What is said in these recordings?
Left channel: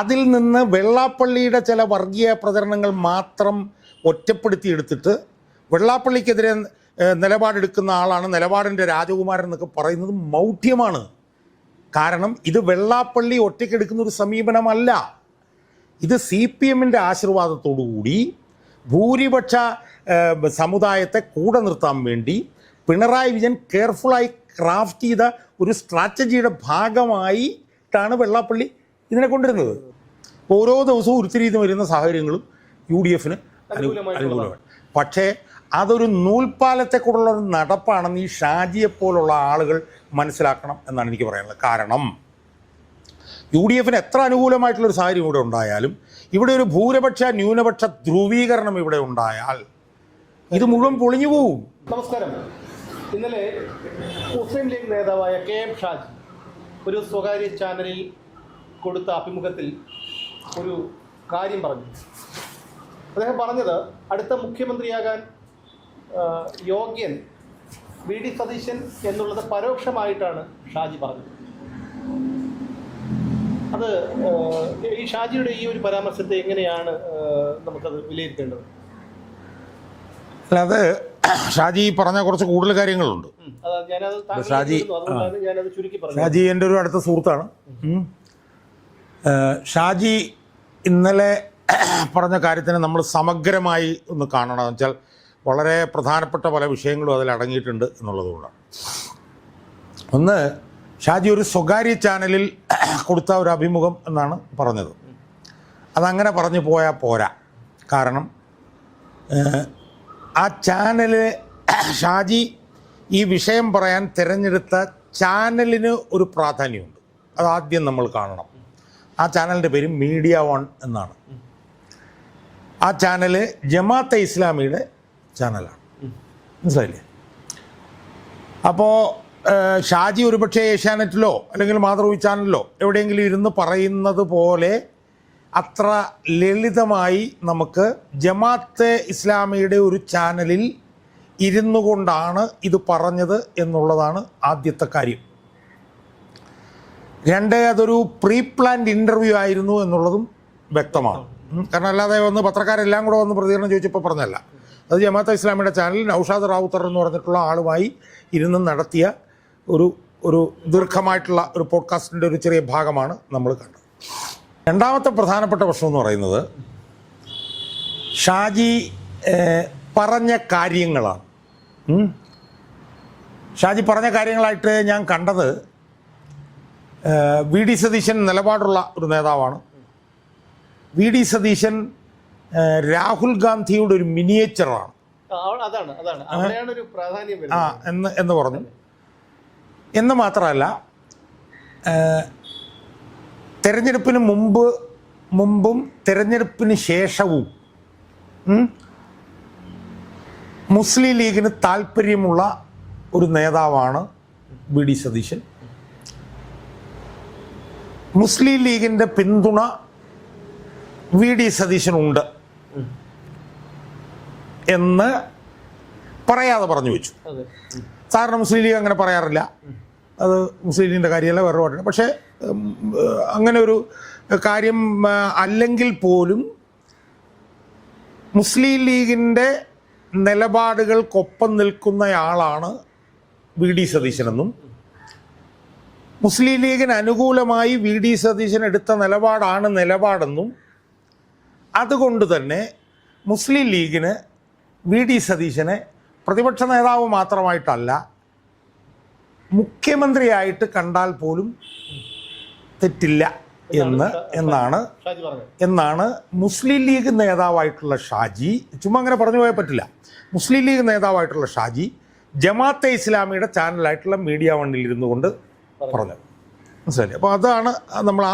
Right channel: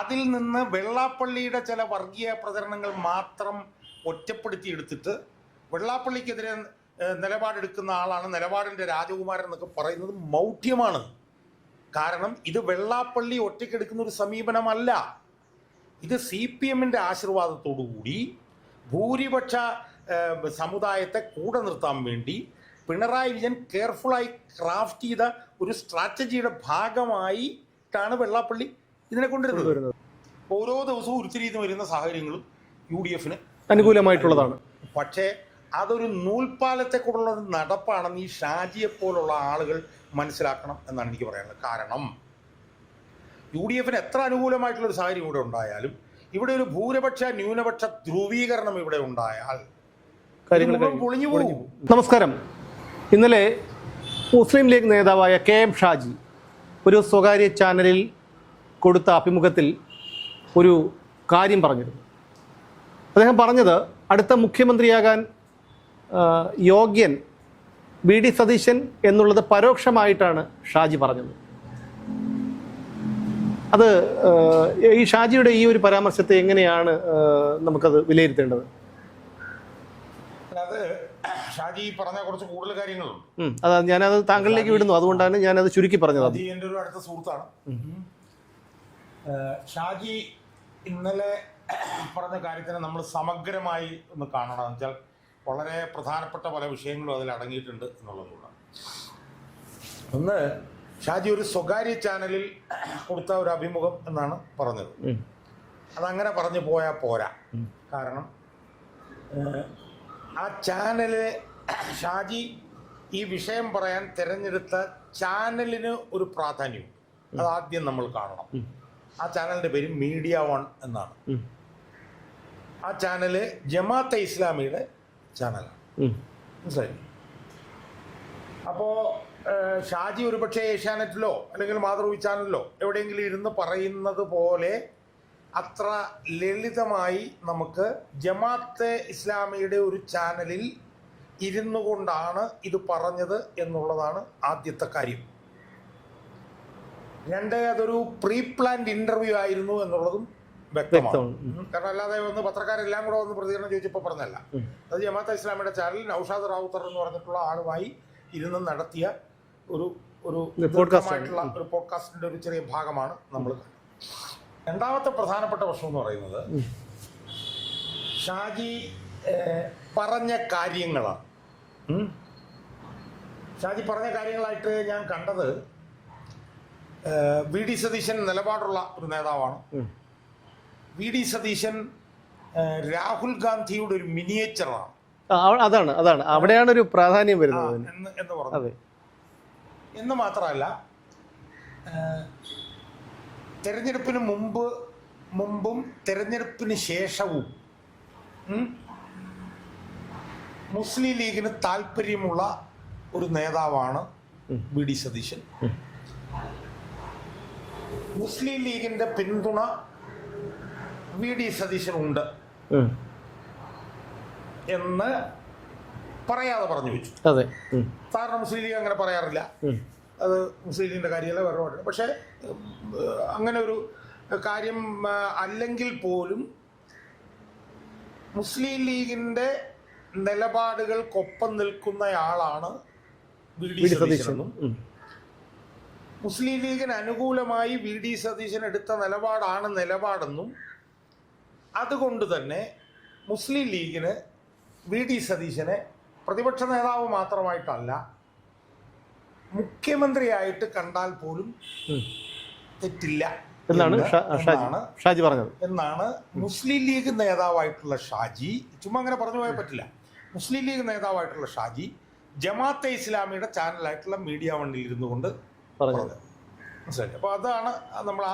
അതിൽ നിന്ന് വെള്ളാപ്പള്ളിയുടെ ചില വർഗീയ പ്രചരണങ്ങൾ മാത്രം ഒറ്റപ്പെടുത്തിയെടുത്തിട്ട് വെള്ളാപ്പള്ളിക്കെതിരെ നിലപാടെടുക്കുന്ന ആളാണ് നിലപാടിൻ്റെ രാജകുമാരൻ എന്നൊക്കെ പറയുന്നത് മൗഢ്യമാണ്. കാരണം ഇത് വെള്ളാപ്പള്ളി ഒറ്റയ്ക്കെടുക്കുന്ന ഒരു സമീപനമല്ല. ഇത് CPM-ൻ്റെ ആശീർവാദത്തോടുകൂടി ഭൂരിപക്ഷ സമുദായത്തെ കൂടെ നിർത്താൻ വേണ്ടി പിണറായി വിജയൻ കെയർഫുള്ളായി ക്രാഫ്റ്റ് ചെയ്ത ഒരു സ്ട്രാറ്റജിയുടെ ഭാഗമായിട്ടാണ് വെള്ളാപ്പള്ളി ഇതിനെ കൊണ്ടുവരുന്നത്. ഓരോ ദിവസവും ഉരുത്തിരിഞ്ഞ് വരുന്ന സാഹചര്യങ്ങളും UDF-ന് അനുകൂലമായിട്ടുള്ളതാണ്. പക്ഷേ അതൊരു നൂൽപ്പാലത്തെക്കുള്ള ഒരു നടപ്പാണെന്ന് ഈ ഷാജിയെപ്പോലുള്ള ആളുകൾ മനസ്സിലാക്കണം എന്നാണ് എനിക്ക് പറയാനുള്ളത്. കാരണം UDF-ന് എത്ര അനുകൂലമായിട്ടുള്ളൊരു സാഹചര്യം ഇവിടെ ഉണ്ടായാലും ഇവിടെ ഒരു ഭൂരിപക്ഷ ന്യൂനപക്ഷ ധ്രുവീകരണം ഇവിടെ ഉണ്ടായാൽ ഇത് മുഴുവൻ പൊളിഞ്ഞു പോകും. നമസ്കാരം. ഇന്നലെ മുസ്ലിം ലീഗ് നേതാവായ KM ഷാജി ഒരു സ്വകാര്യ ചാനലിൽ കൊടുത്ത അഭിമുഖത്തിൽ ഒരു കാര്യം പറഞ്ഞിരുന്നു. അദ്ദേഹം പറഞ്ഞത് അടുത്ത മുഖ്യമന്ത്രിയാകാൻ യോഗ്യൻ VD സതീശൻ എന്നുള്ളത് പരോക്ഷമായിട്ടാണ് ഷാജി പറഞ്ഞത്. അത് ഈ ഷാജിയുടെ ഈ ഒരു പരാമർശത്തെ എങ്ങനെയാണ് നമുക്കത് വിലയിരുത്തേണ്ടത്? അല്ലാതെ ഷാജി പറഞ്ഞ കുറച്ച് കൂടുതൽ കാര്യങ്ങളുണ്ട്. അതാ ഞാനത് താങ്കളിലേക്ക് വിടുന്നു, അതുകൊണ്ടാണ് ഞാനത് ചുരുക്കി പറഞ്ഞത്. ഷാജി എൻ്റെ ഒരു അടുത്ത സുഹൃത്താണ്. ഷാജി ഇന്നലെ പറഞ്ഞ കാര്യത്തിന് നമ്മൾ സമഗ്രമായി ഒന്ന് കാണണം. എന്ന് വെച്ചാൽ വളരെ പ്രധാനപ്പെട്ട പല വിഷയങ്ങളും അതിൽ അടങ്ങിയിട്ടുണ്ട് എന്നുള്ളതുകൊണ്ടാണ്. ഒന്ന്, ഷാജി ഒരു സ്വകാര്യ ചാനലിൽ കൊടുത്ത ഒരു അഭിമുഖം എന്നാണ് പറഞ്ഞത്. അതങ്ങനെ പറഞ്ഞു പോയാൽ പോരാ. കാരണം ആ ചാനല് ഷാജി ഈ വിഷയം പറയാൻ തിരഞ്ഞെടുത്ത ചാനലിന് ഒരു പ്രാധാന്യമുണ്ട്. അതാദ്യം നമ്മൾ കാണണം. ആ ചാനലിൻ്റെ പേര് മീഡിയ വൺ എന്നാണ്. ആ ചാനല് ജമാഅത്തെ ഇസ്ലാമിയുടെ ചാനലാണ്. മനസ്സിലായില്ലേ? അപ്പോൾ ഷാജി ഒരുപക്ഷെ ഏഷ്യാനെറ്റിലോ അല്ലെങ്കിൽ മാതൃഭൂമി ചാനലിലോ എവിടെയെങ്കിലും ഇരുന്ന് പറയുന്നത് പോലെ അത്ര ലളിതമായി നമുക്ക് ജമാഅത്തെ ഇസ്ലാമിയുടെ ഒരു ചാനലിൽ ഇരുന്നു കൊണ്ടാണ് ഇത് പറഞ്ഞത് എന്നുള്ളതാണ് ആദ്യത്തെ കാര്യം. രണ്ട്, അതൊരു പ്രീ പ്ലാൻഡ് ഇൻ്റർവ്യൂ ആയിരുന്നു എന്നുള്ളതും വ്യക്തമാണ്. കാരണം അല്ലാതെ വന്ന് പത്രക്കാരെല്ലാം കൂടെ വന്ന് പ്രതികരണം ചോദിച്ചപ്പോൾ പറഞ്ഞല്ല. അത് ജമാഅത്തെ ഇസ്ലാമിയുടെ ചാനലിൽ നൗഷാദ് റാവുത്തർ എന്ന് പറഞ്ഞിട്ടുള്ള ആളുമായി ഇരുന്ന് നടത്തിയ ഒരു ദീർഘമായിട്ടുള്ള ഒരു പോഡ്കാസ്റ്റിൻ്റെ ഒരു ചെറിയ ഭാഗമാണ് നമ്മൾ കണ്ടത്. രണ്ടാമത്തെ പ്രധാനപ്പെട്ട പ്രശ്നം എന്ന് പറയുന്നത് ഷാജി പറഞ്ഞ കാര്യങ്ങളാണ്. ഷാജി പറഞ്ഞ കാര്യങ്ങളായിട്ട് ഞാൻ കണ്ടത് VD സതീശൻ നിലപാടുള്ള ഒരു നേതാവാണ്. VD സതീശൻ രാഹുൽ ഗാന്ധിയുടെ ഒരു മിനിയേച്ചറാണ്. അതാണ് അവിടെയാണ് ഒരു പ്രാധാന്യം വരുന്നത് എന്ന് പറഞ്ഞു. എന്ന് മാത്രമല്ല, തെരഞ്ഞെടുപ്പിന് മുമ്പും തെരഞ്ഞെടുപ്പിന് ശേഷവും മുസ്ലിം ലീഗിന് താല്പര്യമുള്ള ഒരു നേതാവാണ് VD സതീശൻ. മുസ്ലിം ലീഗിൻ്റെ പിന്തുണ VD സതീശനുണ്ട് എന്ന് പറയാതെ പറഞ്ഞു വെച്ചു. സാധാരണ മുസ്ലിം ലീഗ് അങ്ങനെ പറയാറില്ല. അത് മുസ്ലിം ലീഗിൻ്റെ കാര്യമല്ല, വേറെ പാടില്ല. പക്ഷേ അങ്ങനെ ഒരു കാര്യം അല്ലെങ്കിൽ പോലും മുസ്ലിം ലീഗിൻ്റെ നിലപാടുകൾക്കൊപ്പം നിൽക്കുന്നയാളാണ് VD സതീശനെന്നും മുസ്ലിം ലീഗിന് അനുകൂലമായി VD സതീശൻ എടുത്ത നിലപാടെന്നും അതുകൊണ്ട് തന്നെ മുസ്ലിം ലീഗിന് VD സതീശനെ പ്രതിപക്ഷ നേതാവ് മാത്രമായിട്ടല്ല മുഖ്യമന്ത്രിയായിട്ട് കണ്ടാൽ പോലും തെറ്റില്ല എന്നാണ് മുസ്ലിം ലീഗ് നേതാവായിട്ടുള്ള ഷാജി. ചുമ്മാ അങ്ങനെ പറഞ്ഞു പോയാൽ പറ്റില്ല. മുസ്ലിം ലീഗ് നേതാവായിട്ടുള്ള ഷാജി ജമാഅത്തെ ഇസ്ലാമിയുടെ ചാനലായിട്ടുള്ള മീഡിയ വണ്ണിൽ ഇരുന്നു കൊണ്ട് പറഞ്ഞത്. മനസ്സിലായി? അപ്പോൾ അതാണ്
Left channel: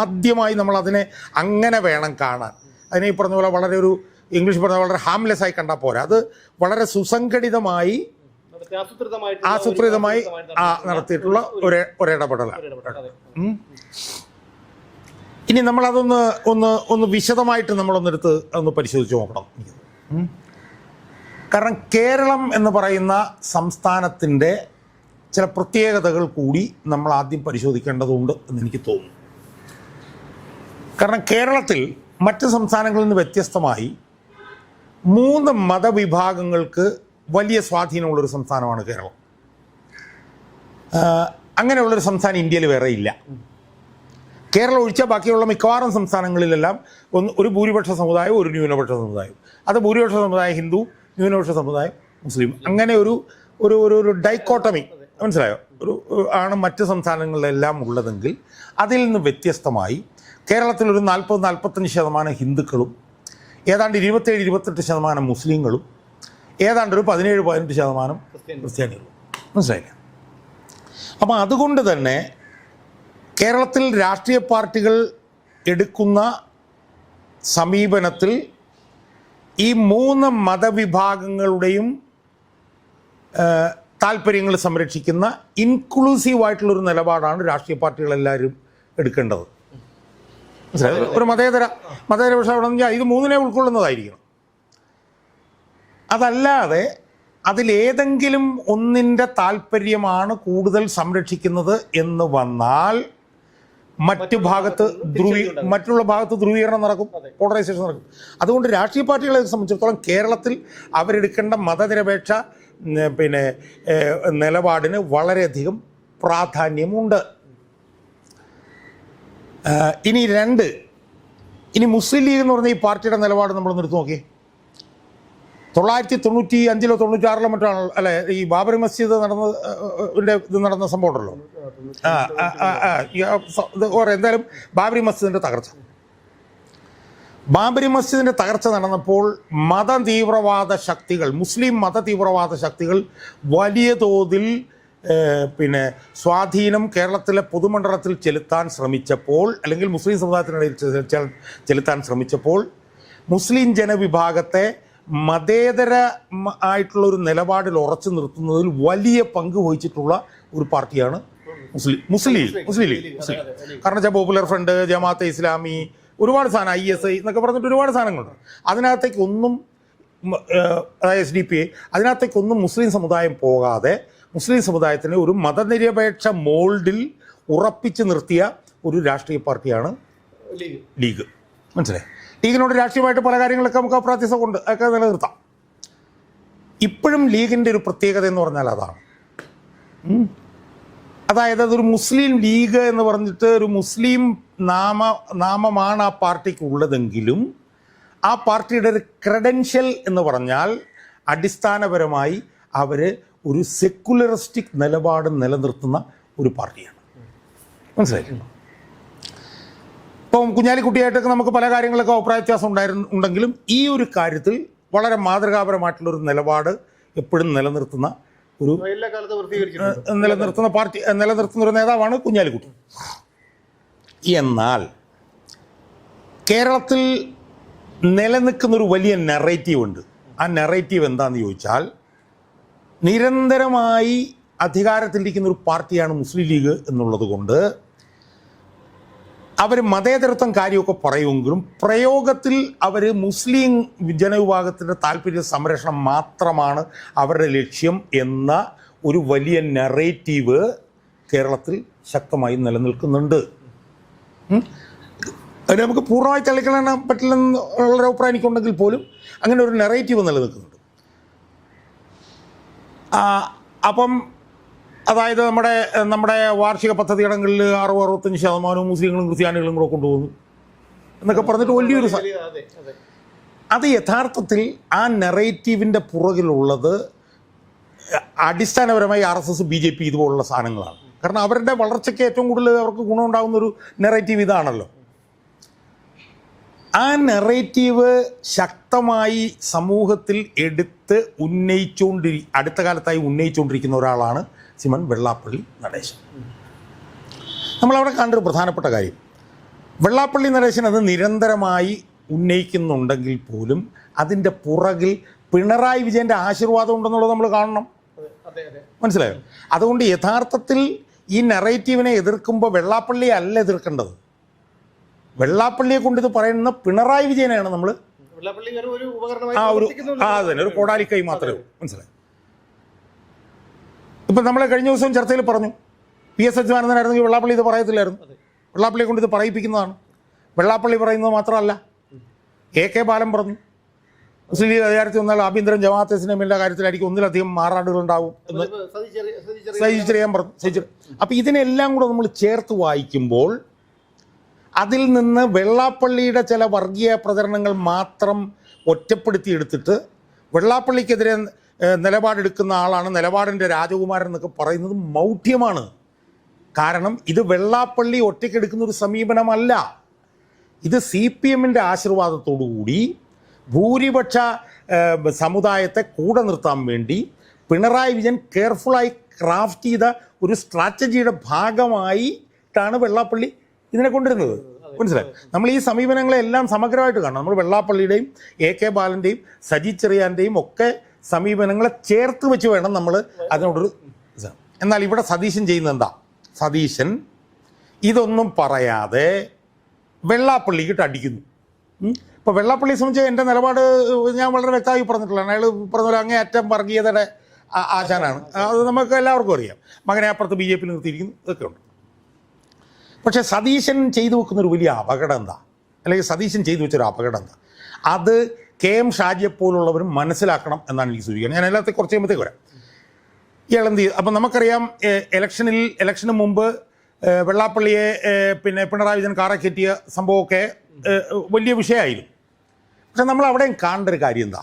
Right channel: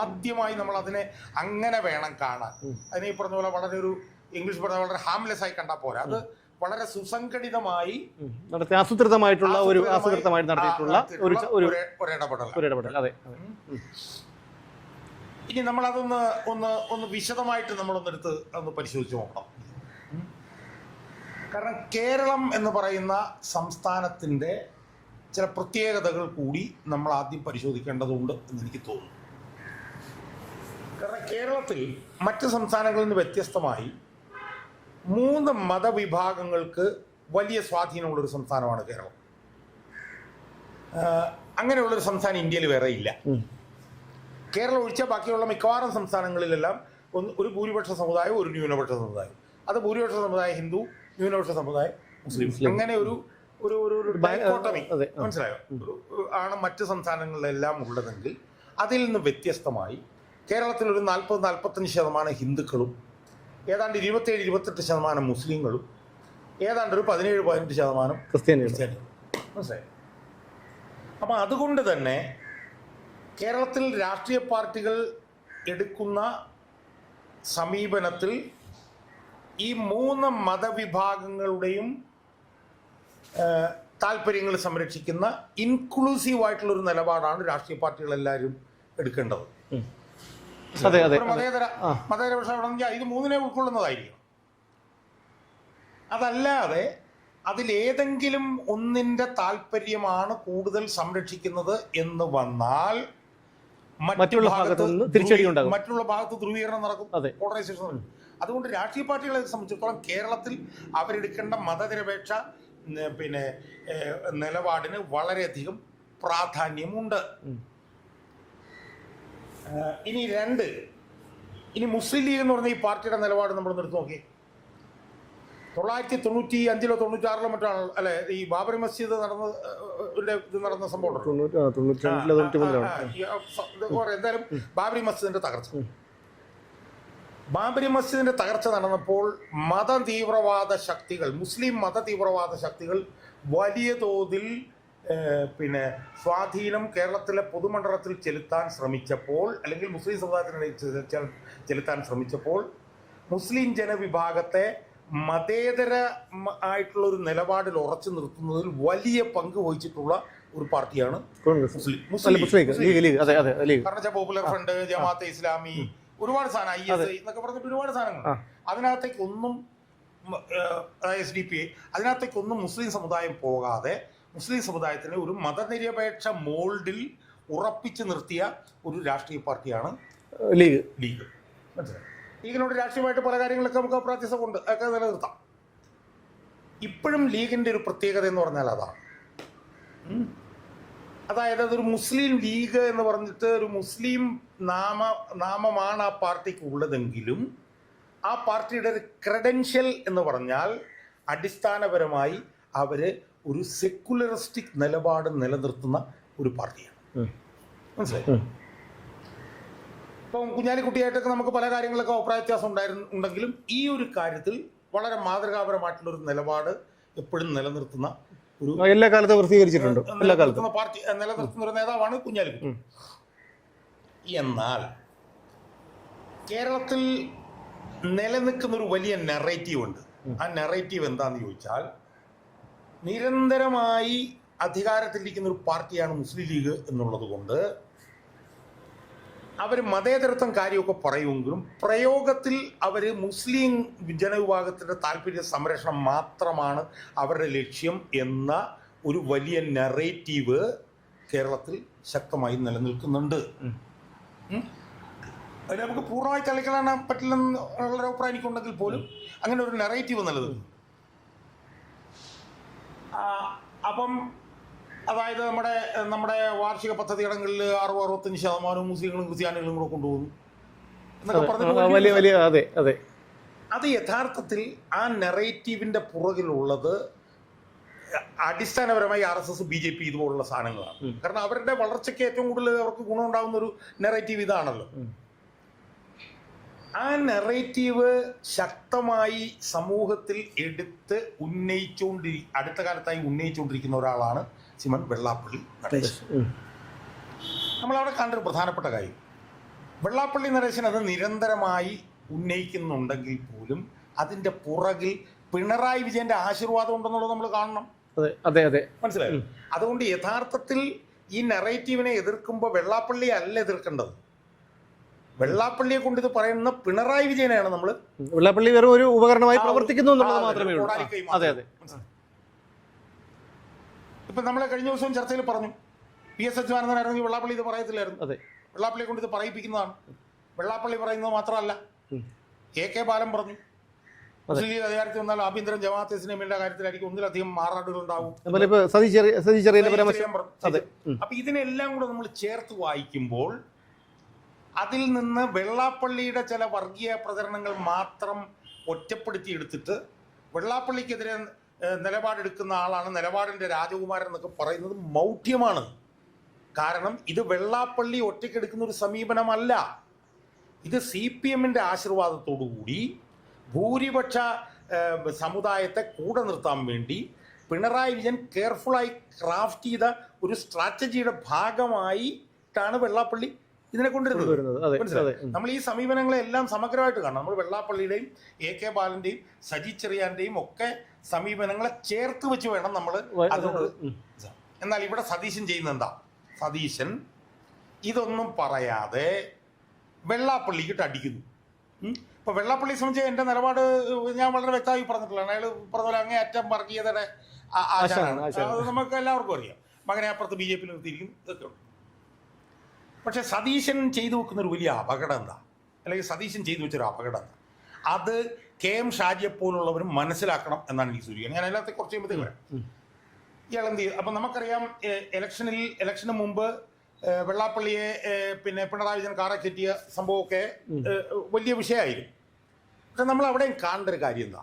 ആദ്യമായി നമ്മൾ അതിനെ അങ്ങനെ വേണം കാണാൻ. അതിനെ ഈ പറഞ്ഞ പോലെ വളരെ ഒരു ഇംഗ്ലീഷ് പറഞ്ഞ വളരെ ഹാംലെസ് ആയി കണ്ടാൽ പോരാ. അത് വളരെ സുസംഘടിതമായി ആസൂത്രിതമായി നടത്തിയിട്ടുള്ള ഒരിടപെടലാണ്. ഇനി നമ്മളതൊന്ന് വിശദമായിട്ട് നമ്മളൊന്നെടുത്ത് ഒന്ന് പരിശോധിച്ച് നോക്കണം. കാരണം കേരളം എന്ന് പറയുന്ന സംസ്ഥാനത്തിൻ്റെ ചില പ്രത്യേകതകൾ കൂടി നമ്മൾ ആദ്യം പരിശോധിക്കേണ്ടതുണ്ട് എന്ന് എനിക്ക് തോന്നുന്നു. കാരണം കേരളത്തിൽ മറ്റ് സംസ്ഥാനങ്ങളിൽ നിന്ന് വ്യത്യസ്തമായി 3 മതവിഭാഗങ്ങൾക്ക് വലിയ സ്വാധീനമുള്ളൊരു സംസ്ഥാനമാണ് കേരളം. അങ്ങനെയുള്ളൊരു സംസ്ഥാനം ഇന്ത്യയിൽ വേറെ ഇല്ല. കേരളം ഒഴിച്ചാൽ ബാക്കിയുള്ള മിക്കവാറും സംസ്ഥാനങ്ങളിലെല്ലാം ഒരു ഭൂരിപക്ഷ സമുദായം, ഒരു ന്യൂനപക്ഷ സമുദായം. അത് ഭൂരിപക്ഷ സമുദായം ഹിന്ദു, ന്യൂനപക്ഷ സമുദായം മുസ്ലിം. അങ്ങനെ ഒരു ഒരു ഒരു ഡൈക്കോട്ടമി, മനസ്സിലായോ, ആണ് മറ്റ് സംസ്ഥാനങ്ങളിലെല്ലാം ഉള്ളതെങ്കിൽ അതിൽ നിന്ന് വ്യത്യസ്തമായി കേരളത്തിൽ ഒരു 40-45% ഹിന്ദുക്കളും ഏതാണ്ട് 27-28% മുസ്ലിങ്ങളും ഏതാണ്ട് ഒരു 17-18% ക്രിസ്ത്യാനികളും. മനസ്സിലായില്ല? അപ്പം അതുകൊണ്ട് തന്നെ കേരളത്തിൽ രാഷ്ട്രീയ പാർട്ടികൾ എടുക്കുന്ന സമീപനത്തിൽ ഈ 3 മതവിഭാഗങ്ങളുടെയും താല്പര്യങ്ങൾ സംരക്ഷിക്കുന്ന ഇൻക്ലൂസീവായിട്ടുള്ളൊരു നിലപാടാണ് രാഷ്ട്രീയ പാർട്ടികളെല്ലാവരും എടുക്കേണ്ടത്. ഒരു മതേതര പക്ഷേ ഇത് 3നെ ഉൾക്കൊള്ളുന്നതായിരിക്കണം. അതല്ലാതെ അതിലേതെങ്കിലും ഒന്നിൻ്റെ താല്പര്യമാണ് കൂടുതൽ സംരക്ഷിക്കുന്നത് എന്ന് വന്നാൽ മറ്റുള്ള ഭാഗത്ത് ധ്രുവീകരണം നടക്കും, പോളറൈസേഷൻ നടക്കും. അതുകൊണ്ട് രാഷ്ട്രീയ പാർട്ടികളെ സംബന്ധിച്ചിടത്തോളം കേരളത്തിൽ അവരെടുക്കേണ്ട മതനിരപേക്ഷ നിലപാടിന് വളരെയധികം പ്രാധാന്യമുണ്ട്. ഇനി മുസ്ലിം ലീഗ് എന്ന് പറഞ്ഞ ഈ പാർട്ടിയുടെ നിലപാട് നമ്മൾ എടുത്തു നോക്കിയേ. 1995-ലോ 96-ലോ മറ്റാണ് അല്ലെ ഈ ബാബറി മസ്ജിദ് നടന്ന സംഭവം ഉണ്ടല്ലോ. എന്തായാലും ബാബറി മസ്ജിദിന്റെ തകർച്ച നടന്നപ്പോൾ മുസ്ലിം മത തീവ്രവാദ ശക്തികൾ വലിയ തോതിൽ സ്വാധീനം കേരളത്തിലെ പൊതുമണ്ഡലത്തിൽ ചെലുത്താൻ ശ്രമിച്ചപ്പോൾ, അല്ലെങ്കിൽ മുസ്ലിം സമുദായത്തിനിടയിൽ ചെലുത്താൻ ശ്രമിച്ചപ്പോൾ മുസ്ലിം ജനവിഭാഗത്തെ മതേതര ആയിട്ടുള്ള ഒരു നിലപാടിൽ ഉറച്ചു നിർത്തുന്നതിൽ വലിയ പങ്ക് വഹിച്ചിട്ടുള്ള ഒരു പാർട്ടിയാണ് മുസ്ലിം ലീഗ്. കാരണം പോപ്പുലർ ഫ്രണ്ട്, ജമാഅത്തെ ഇസ്ലാമി, ഒരുപാട് സാധനം, ISI എന്നൊക്കെ പറഞ്ഞിട്ട് ഒരുപാട് സാധനങ്ങളുണ്ട്. അതിനകത്തേക്കൊന്നും അതായത് SDP അതിനകത്തേക്കൊന്നും മുസ്ലിം സമുദായം പോകാതെ മുസ്ലിം സമുദായത്തിന് ഒരു മതനിരപേക്ഷ മോൾഡിൽ ഉറപ്പിച്ചു നിർത്തിയ ഒരു രാഷ്ട്രീയ പാർട്ടിയാണ് ലീഗ്. മനസ്സിലായി? ലീഗിനോട് രാഷ്ട്രീയമായിട്ട് പല കാര്യങ്ങളൊക്കെ നമുക്ക് അപ്രാത്യസം കൊണ്ട് ഒക്കെ നിലനിർത്താം. ഇപ്പോഴും ലീഗിൻ്റെ ഒരു പ്രത്യേകത എന്ന് പറഞ്ഞാൽ അതാണ്. അതായത് അതൊരു മുസ്ലിം ലീഗ് എന്ന് പറഞ്ഞിട്ട് ഒരു മുസ്ലിം നാമമാണ് ആ പാർട്ടിക്ക് ഉള്ളതെങ്കിലും ആ പാർട്ടിയുടെ ഒരു ക്രെഡൻഷ്യൽ എന്ന് പറഞ്ഞാൽ അടിസ്ഥാനപരമായി അവർ ഒരു സെക്കുലറിസ്റ്റിക് നിലപാട് നിലനിർത്തുന്ന ഒരു പാർട്ടിയാണ്. മനസ്സിലായി? ഇപ്പം കുഞ്ഞാലിക്കുട്ടിയായിട്ടൊക്കെ നമുക്ക് പല കാര്യങ്ങളൊക്കെ അഭിപ്രായ വ്യത്യാസം ഉണ്ടെങ്കിലും ഈ ഒരു കാര്യത്തിൽ വളരെ മാതൃകാപരമായിട്ടുള്ളൊരു നിലപാട് എപ്പോഴും നിലനിർത്തുന്ന എല്ലാ കാലത്തും നിലനിർത്തുന്ന ഒരു നേതാവാണ് കുഞ്ഞാലിക്കുട്ടി. എന്നാൽ കേരളത്തിൽ നിലനിൽക്കുന്നൊരു വലിയ നെറേറ്റീവ് ഉണ്ട്. ആ നെറേറ്റീവ് എന്താണെന്ന് ചോദിച്ചാൽ, നിരന്തരമായി അധികാരത്തിലിരിക്കുന്ന ഒരു പാർട്ടിയാണ് മുസ്ലിം ലീഗ് എന്നുള്ളത് കൊണ്ട് അവർ മതേതരത്വം കാര്യമൊക്കെ പറയുമെങ്കിലും പ്രയോഗത്തിൽ അവർ മുസ്ലിം ജനവിഭാഗത്തിൻ്റെ താല്പര്യ സംരക്ഷണം മാത്രമാണ് അവരുടെ ലക്ഷ്യം എന്ന ഒരു വലിയ നെറേറ്റീവ് കേരളത്തിൽ ശക്തമായി നിലനിൽക്കുന്നുണ്ട്. അത് നമുക്ക് പൂർണ്ണമായി തള്ളിക്കളയാൻ പറ്റില്ലെന്നുള്ള അഭിപ്രായം എനിക്കുണ്ടെങ്കിൽ പോലും അങ്ങനെ ഒരു നെറേറ്റീവ് നിലനിൽക്കുന്നുണ്ട്. അപ്പം അതായത് നമ്മുടെ വാർഷിക പദ്ധതിയിടങ്ങളിൽ 60-65% മുസ്ലിങ്ങളും ക്രിസ്ത്യാനികളും കൂടെ കൊണ്ടുപോകുന്നു എന്നൊക്കെ പറഞ്ഞിട്ട് അത് യഥാർത്ഥത്തിൽ ആ നെറേറ്റീവിൻ്റെ പുറകിലുള്ളത് അടിസ്ഥാനപരമായി RSS, BJP ഇതുപോലുള്ള സാധനങ്ങളാണ്. കാരണം അവരുടെ വളർച്ചയ്ക്ക് ഏറ്റവും കൂടുതൽ അവർക്ക് ഗുണമുണ്ടാകുന്നൊരു നെറേറ്റീവ് ഇതാണല്ലോ. ആ നെറേറ്റീവ് ശക്തമായി സമൂഹത്തിൽ എടുത്ത് അടുത്ത കാലത്തായി ഉന്നയിച്ചുകൊണ്ടിരിക്കുന്ന ഒരാളാണ് സിമൻ വെള്ളാപ്പള്ളി നടേശൻ. നമ്മളവിടെ കണ്ടൊരു പ്രധാനപ്പെട്ട കാര്യം, വെള്ളാപ്പള്ളി നടേശൻ അത് നിരന്തരമായി ഉന്നയിക്കുന്നുണ്ടെങ്കിൽ പോലും അതിൻ്റെ പുറകിൽ പിണറായി വിജയൻ്റെ ആശീർവാദം ഉണ്ടെന്നുള്ളത് നമ്മൾ കാണണം. മനസ്സിലായോ? അതുകൊണ്ട് യഥാർത്ഥത്തിൽ ഈ നെറേറ്റീവിനെ എതിർക്കുമ്പോൾ വെള്ളാപ്പള്ളിയെ അല്ല എതിർക്കേണ്ടത്. വെള്ളാപ്പള്ളിയെ കൊണ്ട് ഇത് പറയുന്ന പിണറായി വിജയനെയാണ് നമ്മൾ. വെള്ളാപ്പള്ളി വെറും ഒരു ഉപകരണമായി ഒരു കോടാലിക്കൈ മാത്രമേ. മനസ്സിലായി? ഇപ്പം നമ്മളെ കഴിഞ്ഞ ദിവസം ചർച്ചയിൽ പറഞ്ഞു, PS അച്യുതാനന്ദനായിരുന്നെങ്കിൽ വെള്ളാപ്പള്ളി ഇത് പറയത്തില്ലായിരുന്നു. വെള്ളാപ്പള്ളിയെ കൊണ്ട് ഇത് പറയിപ്പിക്കുന്നതാണ്. വെള്ളാപ്പള്ളി പറയുന്നത് മാത്രമല്ല, AK ബാലൻ പറഞ്ഞു. മുസ്ലിം ലീഗ് അധികാരത്തിൽ വന്നാൽ ആഭ്യന്തരം ജമാഅത്തെ ഇസ്ലാമിയുടെ കാര്യത്തിലായിരിക്കും ഒന്നിലധികം മാറാടുകൾ ഉണ്ടാവും. അപ്പൊ ഇതിനെല്ലാം കൂടെ നമ്മൾ ചേർത്ത് വായിക്കുമ്പോൾ അതിൽ നിന്ന് വെള്ളാപ്പള്ളിയുടെ ചില വർഗീയ പ്രചരണങ്ങൾ മാത്രം ഒറ്റപ്പെടുത്തിയെടുത്തിട്ട് വെള്ളാപ്പള്ളിക്കെതിരെ നിലപാടെടുക്കുന്ന ആളാണ് നിലപാടിൻ്റെ രാജകുമാരൻ എന്നൊക്കെ പറയുന്നത് മൗഢ്യമാണ്. കാരണം ഇത് വെള്ളാപ്പള്ളി ഒറ്റയ്ക്കെടുക്കുന്ന ഒരു സമീപനമല്ല. ഇത് CPMൻ്റെ ആശീർവാദത്തോടുകൂടി ഭൂരിപക്ഷ സമുദായത്തെ കൂടെ നിർത്താൻ വേണ്ടി പിണറായി വിജയൻ കെയർഫുള്ളായി ക്രാഫ്റ്റ് ചെയ്ത ഒരു സ്ട്രാറ്റജിയുടെ ഭാഗമായിട്ടാണ് വെള്ളാപ്പള്ളി ഇതിനെ കൊണ്ടുവരുന്നത്. മനസ്സിലായി? നമ്മൾ ഈ സമീപനങ്ങളെല്ലാം സമഗ്രമായിട്ട് കാണണം. നമ്മൾ വെള്ളാപ്പള്ളിയുടെയും AK ബാലൻ്റെയും സജി ചെറിയാൻ്റെയും ഒക്കെ സമീപനങ്ങളെ ചേർത്ത് വെച്ച് വേണം നമ്മൾ അതിനോടൊരു. എന്നാൽ ഇവിടെ സതീശൻ ചെയ്യുന്നത് എന്താ? സതീശൻ ഇതൊന്നും പറയാതെ വെള്ളാപ്പള്ളിക്കിട്ട് അടിക്കുന്നു. ഇപ്പോൾ വെള്ളാപ്പള്ളിയെ സംബന്ധിച്ച് എൻ്റെ നിലപാട് ഞാൻ വളരെ വ്യക്തമായി പറഞ്ഞിട്ടുള്ളതാണ്. അയാൾ പറഞ്ഞ പോലെ അങ്ങേയറ്റം വർഗീയതയുടെ ആശാനാണ്. അത് നമുക്ക് എല്ലാവർക്കും അറിയാം. മകനെ അപ്പുറത്ത് BJP നിർത്തിയിരിക്കുന്നു, ഇതൊക്കെ ഉണ്ട്. പക്ഷേ സതീശൻ ചെയ്തു വെക്കുന്നൊരു വലിയ അപകടം എന്താ, അല്ലെങ്കിൽ സതീശൻ ചെയ്തു വെച്ചൊരു അപകടം എന്താ, അത് KM ഷാജിയെപ്പോലുള്ളവരും മനസ്സിലാക്കണം എന്നാണ് എനിക്ക് സൂചിക്കുന്നത്. ഞാൻ എല്ലാത്തേക്ക് കുറച്ച് കഴിയുമ്പോഴത്തേക്ക് വരാം. ഇയാൾ എന്ത് ചെയ്തു? അപ്പം നമുക്കറിയാം, ഇലക്ഷന് മുമ്പ് വെള്ളാപ്പള്ളിയെ പിന്നെ പിണറായി വിജയൻ കാറെ കയറ്റിയ സംഭവമൊക്കെ വലിയ വിഷയമായിരുന്നു. പക്ഷെ നമ്മൾ അവിടെയും കാണേണ്ട ഒരു കാര്യം എന്താ?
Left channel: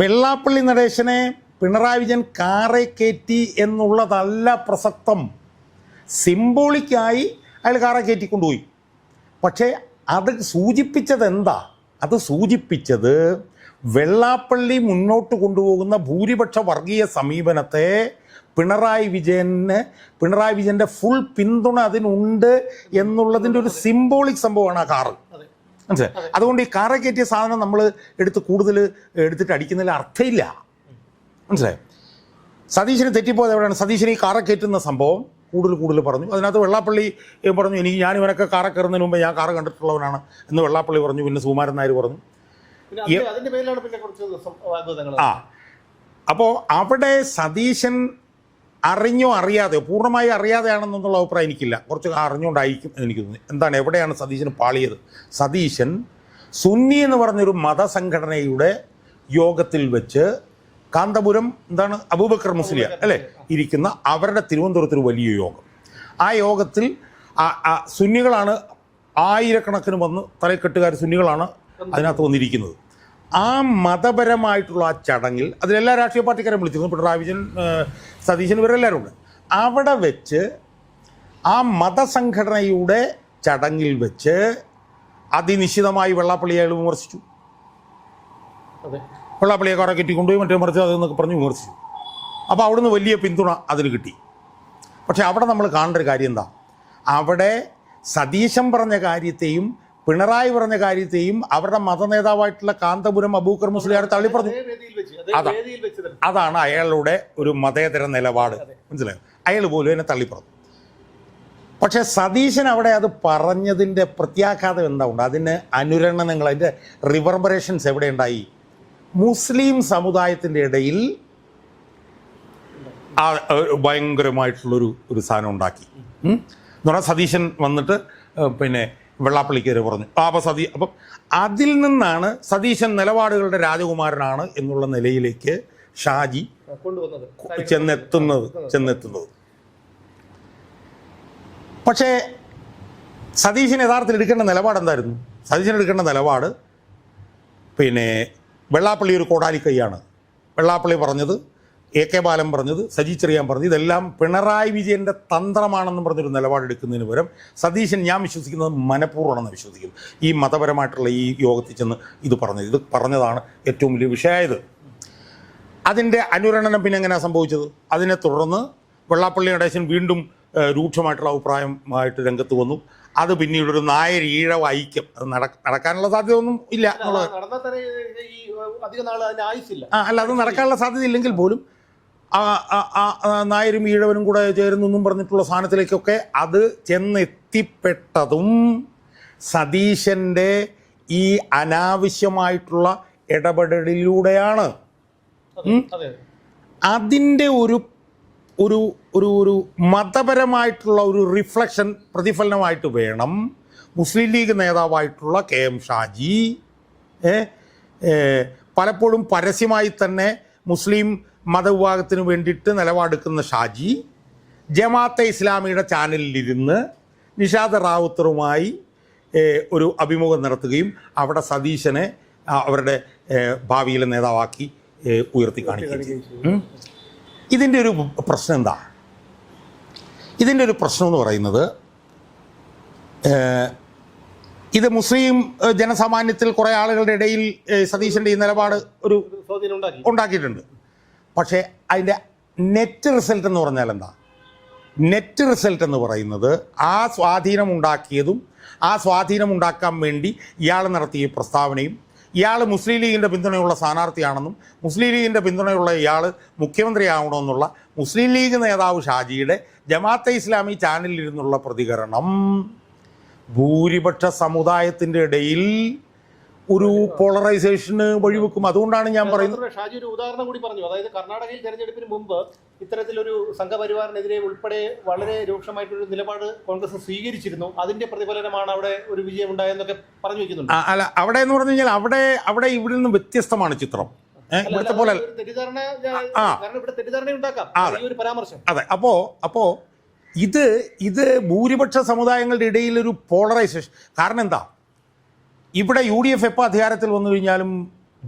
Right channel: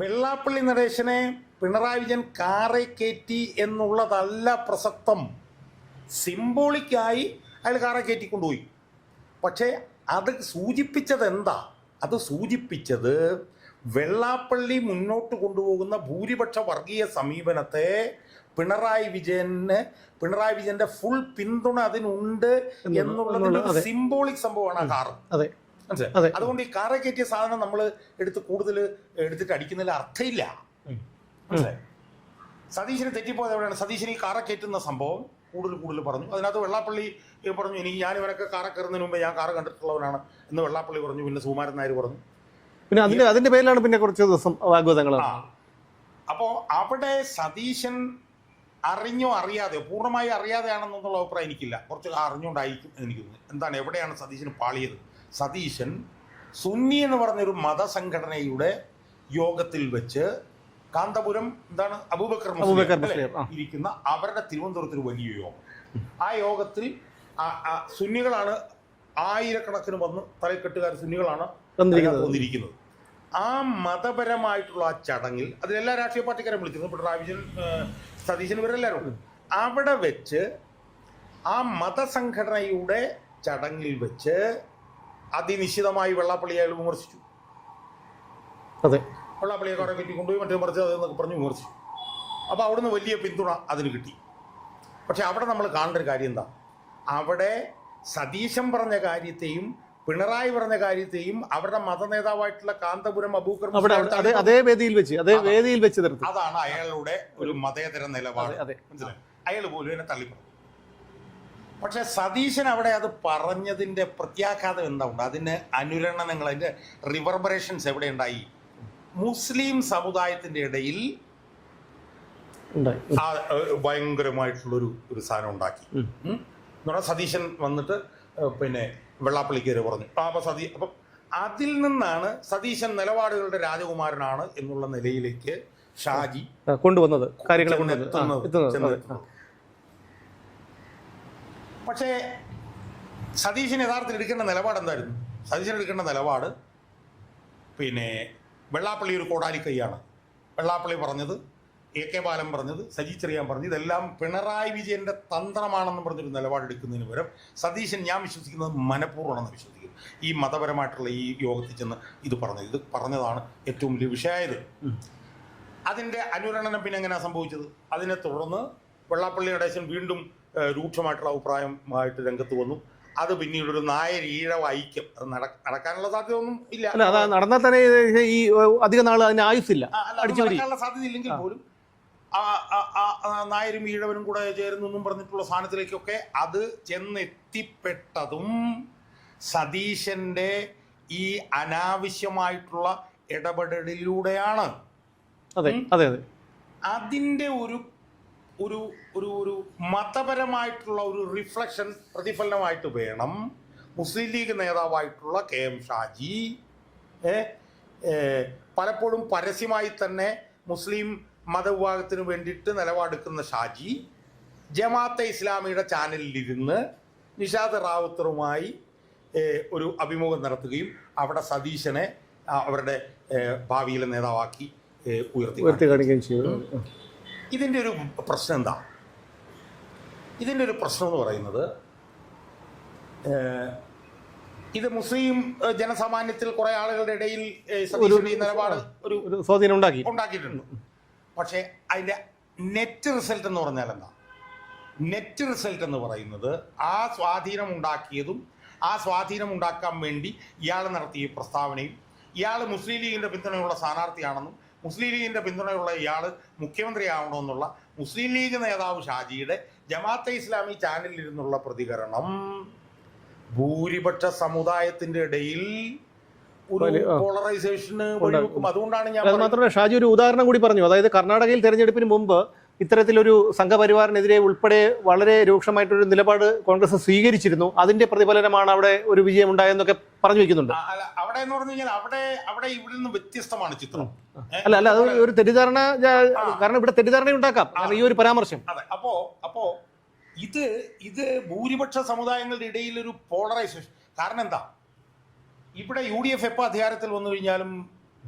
വെള്ളാപ്പള്ളി നടേശനെ പിണറായി വിജയൻ കാറെ കയറ്റി എന്നുള്ളതല്ല പ്രസക്തം. സിംബോളിക്കായി അയാൾ കാറെ കയറ്റിക്കൊണ്ടുപോയി. പക്ഷേ അത് സൂചിപ്പിച്ചത് എന്താ? അത് സൂചിപ്പിച്ചത് വെള്ളാപ്പള്ളി മുന്നോട്ട് കൊണ്ടുപോകുന്ന ഭൂരിപക്ഷ വർഗീയ സമീപനത്തെ പിണറായി വിജയൻ്റെ ഫുൾ പിന്തുണ അതിനുണ്ട് എന്നുള്ളതിൻ്റെ ഒരു സിംബോളിക് സംഭവമാണ് ആ കാറ്. മനസ്സിലായി? അതുകൊണ്ട് ഈ കാറെ കയറ്റിയ സാധനം നമ്മൾ കൂടുതൽ എടുത്തിട്ട് അടിക്കുന്നതിൽ അർത്ഥമില്ല. മനസ്സിലായി? സതീശന് തെറ്റിപ്പോയത് എവിടെയാണ്? സതീശന് ഈ കാറെ കയറ്റുന്ന സംഭവം കൂടുതൽ പറഞ്ഞു. അതിനകത്ത് വെള്ളാപ്പള്ളി പറഞ്ഞു, ഞാൻ ഇവനൊക്കെ കാറെ കയറുന്നതിന് മുമ്പ് ഞാൻ കാറ് കണ്ടിട്ടുള്ളവനാണ് എന്ന് വെള്ളാപ്പള്ളി പറഞ്ഞു. പിന്നെ സുകുമാരൻ നായർ പറഞ്ഞു. പിന്നെ അതിൻ്റെ പേരിലാണ് പിന്നെ കുറച്ച് ദിവസം വാഗ്വാദങ്ങൾ. അപ്പോൾ അവിടെ സതീശൻ അറിഞ്ഞോ അറിയാതെയോ, പൂർണ്ണമായി അറിയാതെയാണെന്നുള്ള അഭിപ്രായം എനിക്കില്ല, കുറച്ച് അറിഞ്ഞുകൊണ്ടായിരിക്കും എനിക്ക് തോന്നുന്നത്. എന്താണ്, എവിടെയാണ് സതീശന് പാളിയത്? സതീശൻ സുന്നി എന്ന് പറഞ്ഞൊരു മതസംഘടനയുടെ യോഗത്തിൽ വെച്ച് കാന്തപുരം അബൂബക്കർ മുസ്ലിയാർ അല്ലേ ഇരിക്കുന്ന അവരുടെ തിരുവനന്തപുരത്തൊരു വലിയ യോഗം. ആ യോഗത്തിൽ സുന്നികളാണ് ആയിരക്കണക്കിന് വന്ന് തലക്കെട്ടുകാർ സുന്നികളാണ് അതിനകത്ത് വന്നിരിക്കുന്നത്. ആ മതപരമായിട്ടുള്ള ആ ചടങ്ങിൽ അതിലെല്ലാ രാഷ്ട്രീയ പാർട്ടിക്കാരും വിളിച്ചിരുന്നു. പിണറായി വിജയൻ, സതീശൻ, ഇവരെല്ലാവരും ഉണ്ട്. അവിടെ വെച്ച് ആ മതസംഘടനയുടെ ചടങ്ങിൽ വെച്ച് അതിനിശ്ചിതമായി വെള്ളാപ്പള്ളിയെ അയാൾ വിമർശിച്ചു. അതെ, വെള്ളാപ്പള്ളിയെ കാറെ കെട്ടിക്കൊണ്ടുപോയി മറ്റേ മറിച്ച് അതെന്നൊക്കെ പറഞ്ഞ് വിമർശിച്ചു. അപ്പോൾ അവിടുന്ന് വലിയ പിന്തുണ അതിന് കിട്ടി. പക്ഷെ അവിടെ നമ്മൾ കാണേണ്ട ഒരു കാര്യം എന്താ? അവിടെ സതീശൻ പറഞ്ഞ കാര്യത്തെയും പിണറായി പറഞ്ഞ കാര്യത്തെയും അവരുടെ മതനേതാവായിട്ടുള്ള കാന്തപുരം അബൂബക്കർ മുസ്ലിയാർ അതാണ് അയാളുടെ ഒരു മതേതര നിലപാട്. മനസ്സിലായോ? അയാൾ പോലും എന്നെ തള്ളിപ്പറഞ്ഞു. പക്ഷെ സതീശൻ അവിടെ അത് പറഞ്ഞതിൻ്റെ പ്രത്യാഘാതം എന്താ ഉണ്ട്? അതിന് അനുരണനങ്ങൾ, അതിൻ്റെ റിവർബറേഷൻസ് എവിടെ ഉണ്ടായി? മുസ്ലിം സമുദായത്തിൻ്റെ ഇടയിൽ ഭയങ്കരമായിട്ടുള്ളൊരു സാധനം ഉണ്ടാക്കി. എന്ന് പറഞ്ഞാൽ സതീശൻ വന്നിട്ട് പിന്നെ വെള്ളാപ്പള്ളിക്കെതിരെ പറഞ്ഞു. അപ്പം അതിൽ നിന്നാണ് സതീശൻ നിലപാടുകളുടെ രാജകുമാരനാണ് എന്നുള്ള നിലയിലേക്ക് ഷാജി കൊണ്ടുവന്നത്, ചെന്നെത്തുന്നത്. പക്ഷേ സതീശൻ യഥാർത്ഥത്തിൽ എടുക്കേണ്ട നിലപാട് എന്തായിരുന്നു? സതീശൻ എടുക്കേണ്ട നിലപാട് പിന്നെ വെള്ളാപ്പള്ളി ഒരു കോടാലിക്കൈയാണ്. വെള്ളാപ്പള്ളി പറഞ്ഞത്, AK ബാലൻ പറഞ്ഞത്, സജി ചെറിയാൻ പറഞ്ഞത്, ഇതെല്ലാം പിണറായി വിജയൻ്റെ തന്ത്രമാണെന്ന് പറഞ്ഞൊരു നിലപാടെടുക്കുന്നതിന് പകരം സതീശൻ, ഞാൻ വിശ്വസിക്കുന്നത് മനഃപൂർവ്വമാണെന്ന് വിശ്വസിക്കുന്നു, ഈ മതപരമായിട്ടുള്ള ഈ യോഗത്തിൽ ചെന്ന് ഇത് പറഞ്ഞതാണ് ഏറ്റവും വലിയ വിഷയമായത്. അതിൻ്റെ അനുരണനം പിന്നെ എങ്ങനെയാണ് സംഭവിച്ചത്? അതിനെ തുടർന്ന് വെള്ളാപ്പള്ളി നടേശൻ വീണ്ടും രൂക്ഷമായിട്ടുള്ള അഭിപ്രായമായിട്ട് രംഗത്ത് വന്നു. അത് പിന്നീടൊരു നായർ ഈഴവ ഐക്യം, അത് നടക്കാനുള്ള സാധ്യത ഒന്നും ഇല്ല. നടന്നാൽ തന്നെ ഈ അധിക നാൾ അതിന് ആയുസില്ല. അല്ല, അത് നടക്കാനുള്ള സാധ്യത ഇല്ലെങ്കിൽ പോലും നായരും ഈഴവനും കൂടെ ചേരുന്നെന്നും പറഞ്ഞിട്ടുള്ള സാധനത്തിലേക്കൊക്കെ അത് ചെന്നെത്തിപ്പെട്ടതും സതീശൻ്റെ ഈ അനാവശ്യമായിട്ടുള്ള ഇടപെടലിലൂടെയാണ്. അതെ. അതിൻ്റെ ഒരു ഒരു ഒരു ഒരു മതപരമായിട്ടുള്ള ഒരു റിഫ്ലക്ഷൻ പ്രതിഫലനമായിട്ട് വേണം മുസ്ലിം ലീഗ് നേതാവായിട്ടുള്ള KM ഷാജി പലപ്പോഴും പരസ്യമായി തന്നെ മുസ്ലിം മതവിഭാഗത്തിന് വേണ്ടിയിട്ട് നിലപാടെടുക്കുന്ന ഷാജി ജമാഅത്തെ ഇസ്ലാമിയുടെ ചാനലിലിരുന്ന് നിഷാദ് റാവുത്തറുമായി ഒരു അഭിമുഖം നടത്തുകയും അവിടെ സതീശനെ അവരുടെ ഭാവിയിലെ നേതാവാക്കി ഉയർത്തിക്കാണിക്കുകയും ചെയ്യും. ഇതിൻ്റെ ഒരു പ്രശ്നം എന്താ? ഇതിൻ്റെ ഒരു പ്രശ്നം എന്ന് പറയുന്നത് ഇത് മുസ്ലിം ജനസാമാന്യത്തിൽ കുറേ ആളുകളുടെ ഇടയിൽ സതീശൻ്റെ ഈ നിലപാട് ഒരു സ്വാധീനം ഉണ്ടാക്കിയിട്ടുണ്ട്. പക്ഷേ അതിൻ്റെ നെറ്റ് റിസൾട്ട് എന്ന് പറഞ്ഞാൽ എന്താ? നെറ്റ് റിസൾട്ട് എന്ന് പറയുന്നത് ആ സ്വാധീനം ഉണ്ടാക്കിയതും ആ സ്വാധീനം ഉണ്ടാക്കാൻ വേണ്ടി ഇയാൾ നടത്തിയ പ്രസ്താവനയും ഇയാൾ മുസ്ലിം ലീഗിൻ്റെ പിന്തുണയുള്ള സ്ഥാനാർത്ഥിയാണെന്നും മുസ്ലിം ലീഗിൻ്റെ പിന്തുണയുള്ള ഇയാൾ മുഖ്യമന്ത്രിയാവണമെന്നുള്ള മുസ്ലിം ലീഗ് നേതാവ് ഷാജിയുടെ ജമാഅത്തെ ഇസ്ലാമി ചാനലിലിരുന്നുള്ള പ്രതികരണം ഭൂരിപക്ഷ സമുദായത്തിൻ്റെ ഇടയിൽ ഒരു പോളറൈസേഷന് വഴിവെക്കും. അതുകൊണ്ടാണ് ഞാൻ പറയുന്നത്. ഷാജി ഒരു ഉദാഹരണം കൂടി പറഞ്ഞു. അതായത് കർണാടകയിൽ തെരഞ്ഞെടുപ്പിന് മുമ്പ് ഇത്തരത്തിലൊരു സംഘപരിവാറിനെതിരെ ഉൾപ്പെടെ വളരെ രൂക്ഷമായിട്ടൊരു നിലപാട് കോൺഗ്രസ് സ്വീകരിച്ചിരുന്നു. അതിന്റെ പ്രതിഫലനമാണ് അവിടെ ഒരു വിജയം ഉണ്ടായെന്നൊക്കെ പറഞ്ഞു വെക്കുന്നുണ്ട്. അല്ല, അവിടെ എന്ന് പറഞ്ഞു കഴിഞ്ഞാൽ അവിടെ ഇവിടെ നിന്ന് വ്യത്യസ്തമാണ് ചിത്രം. അല്ല ഒരു തെറ്റിദ്ധാരണ, കാരണം ഇവിടെ തെറ്റിദ്ധാരണ ഉണ്ടാക്കാം ഈ ഒരു പരാമർശം. അതെ. അപ്പോ ഇത് ഭൂരിപക്ഷ സമുദായങ്ങളുടെ ഇടയിൽ ഒരു പോളറൈസേഷൻ. കാരണം എന്താ? ഇവിടെ UDF എപ്പോൾ അധികാരത്തിൽ വന്നു കഴിഞ്ഞാലും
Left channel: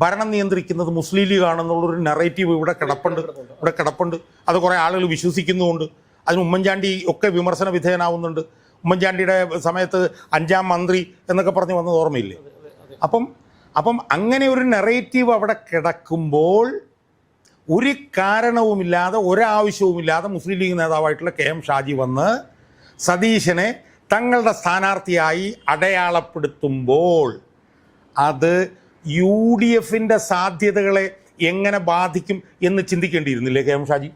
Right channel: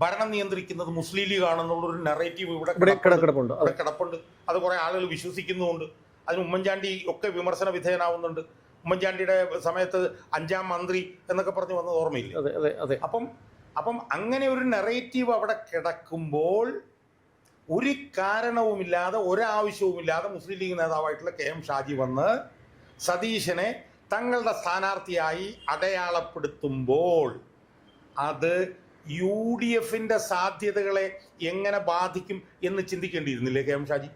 ഭരണം നിയന്ത്രിക്കുന്നത് മുസ്ലിം ലീഗ് ആണെന്നുള്ളൊരു നെറേറ്റീവ് ഇവിടെ കിടപ്പുണ്ട്. അത് കുറേ ആളുകൾ വിശ്വസിക്കുന്നുമുണ്ട്. അതിന് ഉമ്മൻചാണ്ടി ഒക്കെ വിമർശന വിധേയനാവുന്നുണ്ട്. ഉമ്മൻചാണ്ടിയുടെ സമയത്ത് 5ാം മന്ത്രി എന്നൊക്കെ പറഞ്ഞ് വന്നത് ഓർമ്മയില്ലേ? അപ്പം അങ്ങനെ ഒരു നെറേറ്റീവ് അവിടെ കിടക്കുമ്പോൾ ഒരു കാരണവുമില്ലാതെ ഒരാവശ്യവുമില്ലാതെ മുസ്ലിം ലീഗ് നേതാവായിട്ടുള്ള KM ഷാജി വന്ന് സതീശനെ തങ്ങളുടെ സ്ഥാനാർത്ഥിയായി അടയാളപ്പെടുത്തുമ്പോൾ അത് UDFന്റെ സാധ്യതകളെ എങ്ങനെ ബാധിക്കും എന്ന് ചിന്തിക്കേണ്ടിയിരുന്നില്ലേ KM ഷാജി?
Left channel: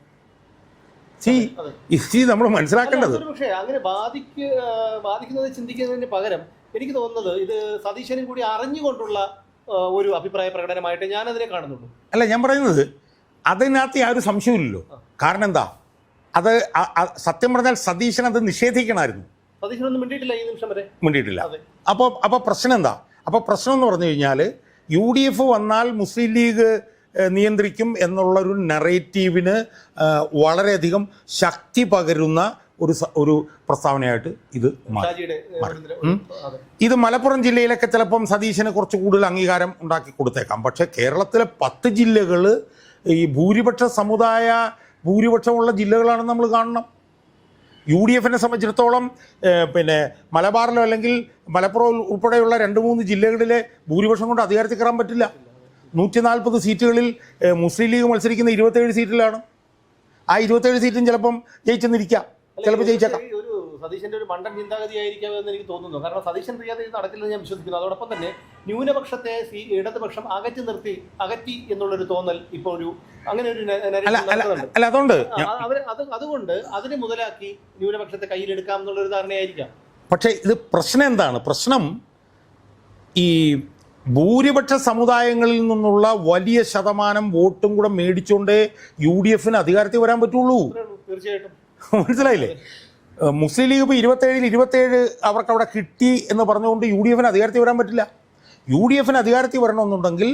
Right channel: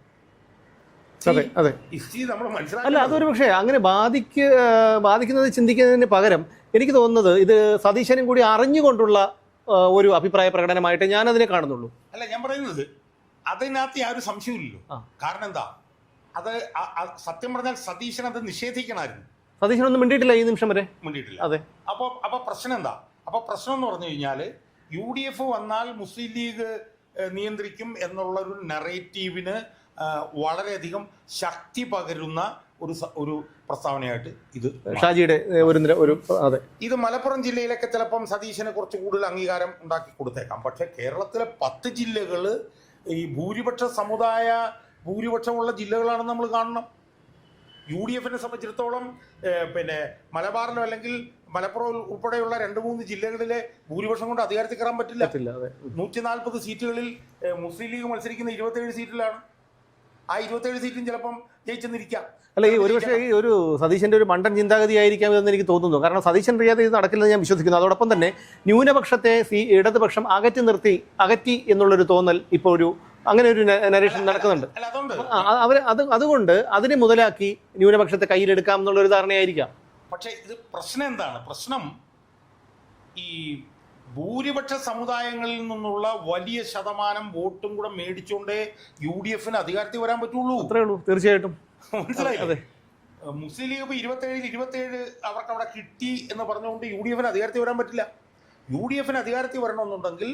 നമ്മൾ മനസ്സിലാക്കേണ്ടത്. പക്ഷേ അങ്ങനെ ബാധിക്കുന്നത് ചിന്തിക്കുന്നതിന് പകരം എനിക്ക് തോന്നുന്നത് ഇത് സതീശനും കൂടി അറിഞ്ഞുകൊണ്ടുള്ള ഒരു അഭിപ്രായ പ്രകടനമായിട്ട് ഞാൻ അതിനെ കാണുന്നുള്ളൂ. അല്ല, ഞാൻ പറയുന്നത് അതിനകത്ത് യാതൊരു സംശയമില്ലല്ലോ. കാരണം എന്താ? അത് സത്യം പറഞ്ഞാൽ സതീശൻ അത് നിഷേധിക്കണമായിരുന്നു. സതീശനൊന്നും മിണ്ടിയിട്ടില്ല, ഈ നിമിഷം വരെ മിണ്ടിയിട്ടില്ല. അതെ. അപ്പോൾ പ്രശ്നം എന്താ? അപ്പോൾ പ്രശ്നം എന്ന് പറഞ്ഞു കഴിഞ്ഞാൽ UDF വന്നാൽ മുസ്ലിം ലീഗ് നിയന്ത്രിക്കും എന്നുള്ളൊരു നെറേറ്റീവിന് വളരെയധികം ശക്തി പകരുന്ന ഒരു പ്രസ്താവനയായിട്ട് ഇത് മലപ്പുറം ജില്ലയിലൊക്കെ ചിലപ്പം സതീശന് കുറച്ച് കൂടുതൽ അംഗീകാരം ഉണ്ടാക്കി കൊടുത്തേക്കാം. പക്ഷേ കേരളത്തിലെ 10 ജില്ലകൾ ഈ ഭൂരിപക്ഷമുള്ള ജില്ലകളാണെന്ന് നമ്മൾ കാണണം. UDFനെ സംബന്ധിച്ചിടത്തോളം മലബാറിലോ അല്ലെങ്കിൽ മലപ്പുറം ഉൾപ്പെടെയുള്ള 2-3 ജില്ലകളിലെ ഭൂരിപക്ഷം കൊണ്ട് അധികാരത്തിൽ കയറാൻ പറ്റില്ല. 140 സീറ്റുകളിൽ മുസ്ലിം ലീഗ് മത്സരിക്കുന്ന 27 സീറ്റിലാണ്. ആ 27 സീറ്റും ചിലപ്പം ജയിച്ചെന്നിരിക്കാം. ഒരു സതീശന്റെ ഒരു മണ്ടൻ ചിന്താഗതി ആയിരിക്കാം എന്ന് എനിക്ക് തോന്നുന്നു. കാരണം സതീശൻ അറിയാതെ ഇത് നടക്കില്ലെന്ന് ഞാൻ വിശ്വസിക്കുന്നു. അതോടൊപ്പം തന്നെ ന്യൂനപക്ഷത്തെ ഇടതുപക്ഷം അകറ്റി എന്നുള്ളൊരു തോന്നൽ ഇപ്പോൾ ഒരു അങ്ങനെ ഒരു അതുകൊണ്ട് അതിനെ മുതലാക്കി ന്യൂനപക്ഷത്തെ കയ്യിലെടുക്കാം എന്നുള്ളൊരു ധാരണയായിരിക്കാം. പക്ഷേ ഇത് പ്രശ്നം എന്താണ്? പ്രശ്നം ഈ ഭൂരിപക്ഷ സമുദായങ്ങളിൽ നിന്നുള്ള വലിയ ശതമാനം വോട്ടും കൂടെ മേടിച്ചുകൊണ്ടേ UDFന് അധികാരത്തിൽ വരാൻ പറ്റുള്ളൂ. തീർച്ചയായിട്ടും. മനസ്സിലായില്ലേ? മുസ്ലിം ലീഗ് ഇപ്പോൾ 27 അവർക്ക് അവിടെ കിട്ടി എന്ന് പറഞ്ഞുകൊണ്ട് UDFന് അധികാരത്തിൽ വരാൻ പറ്റില്ല. UDFന് അധികാരത്തിൽ വരണമെന്നുണ്ടെങ്കിൽ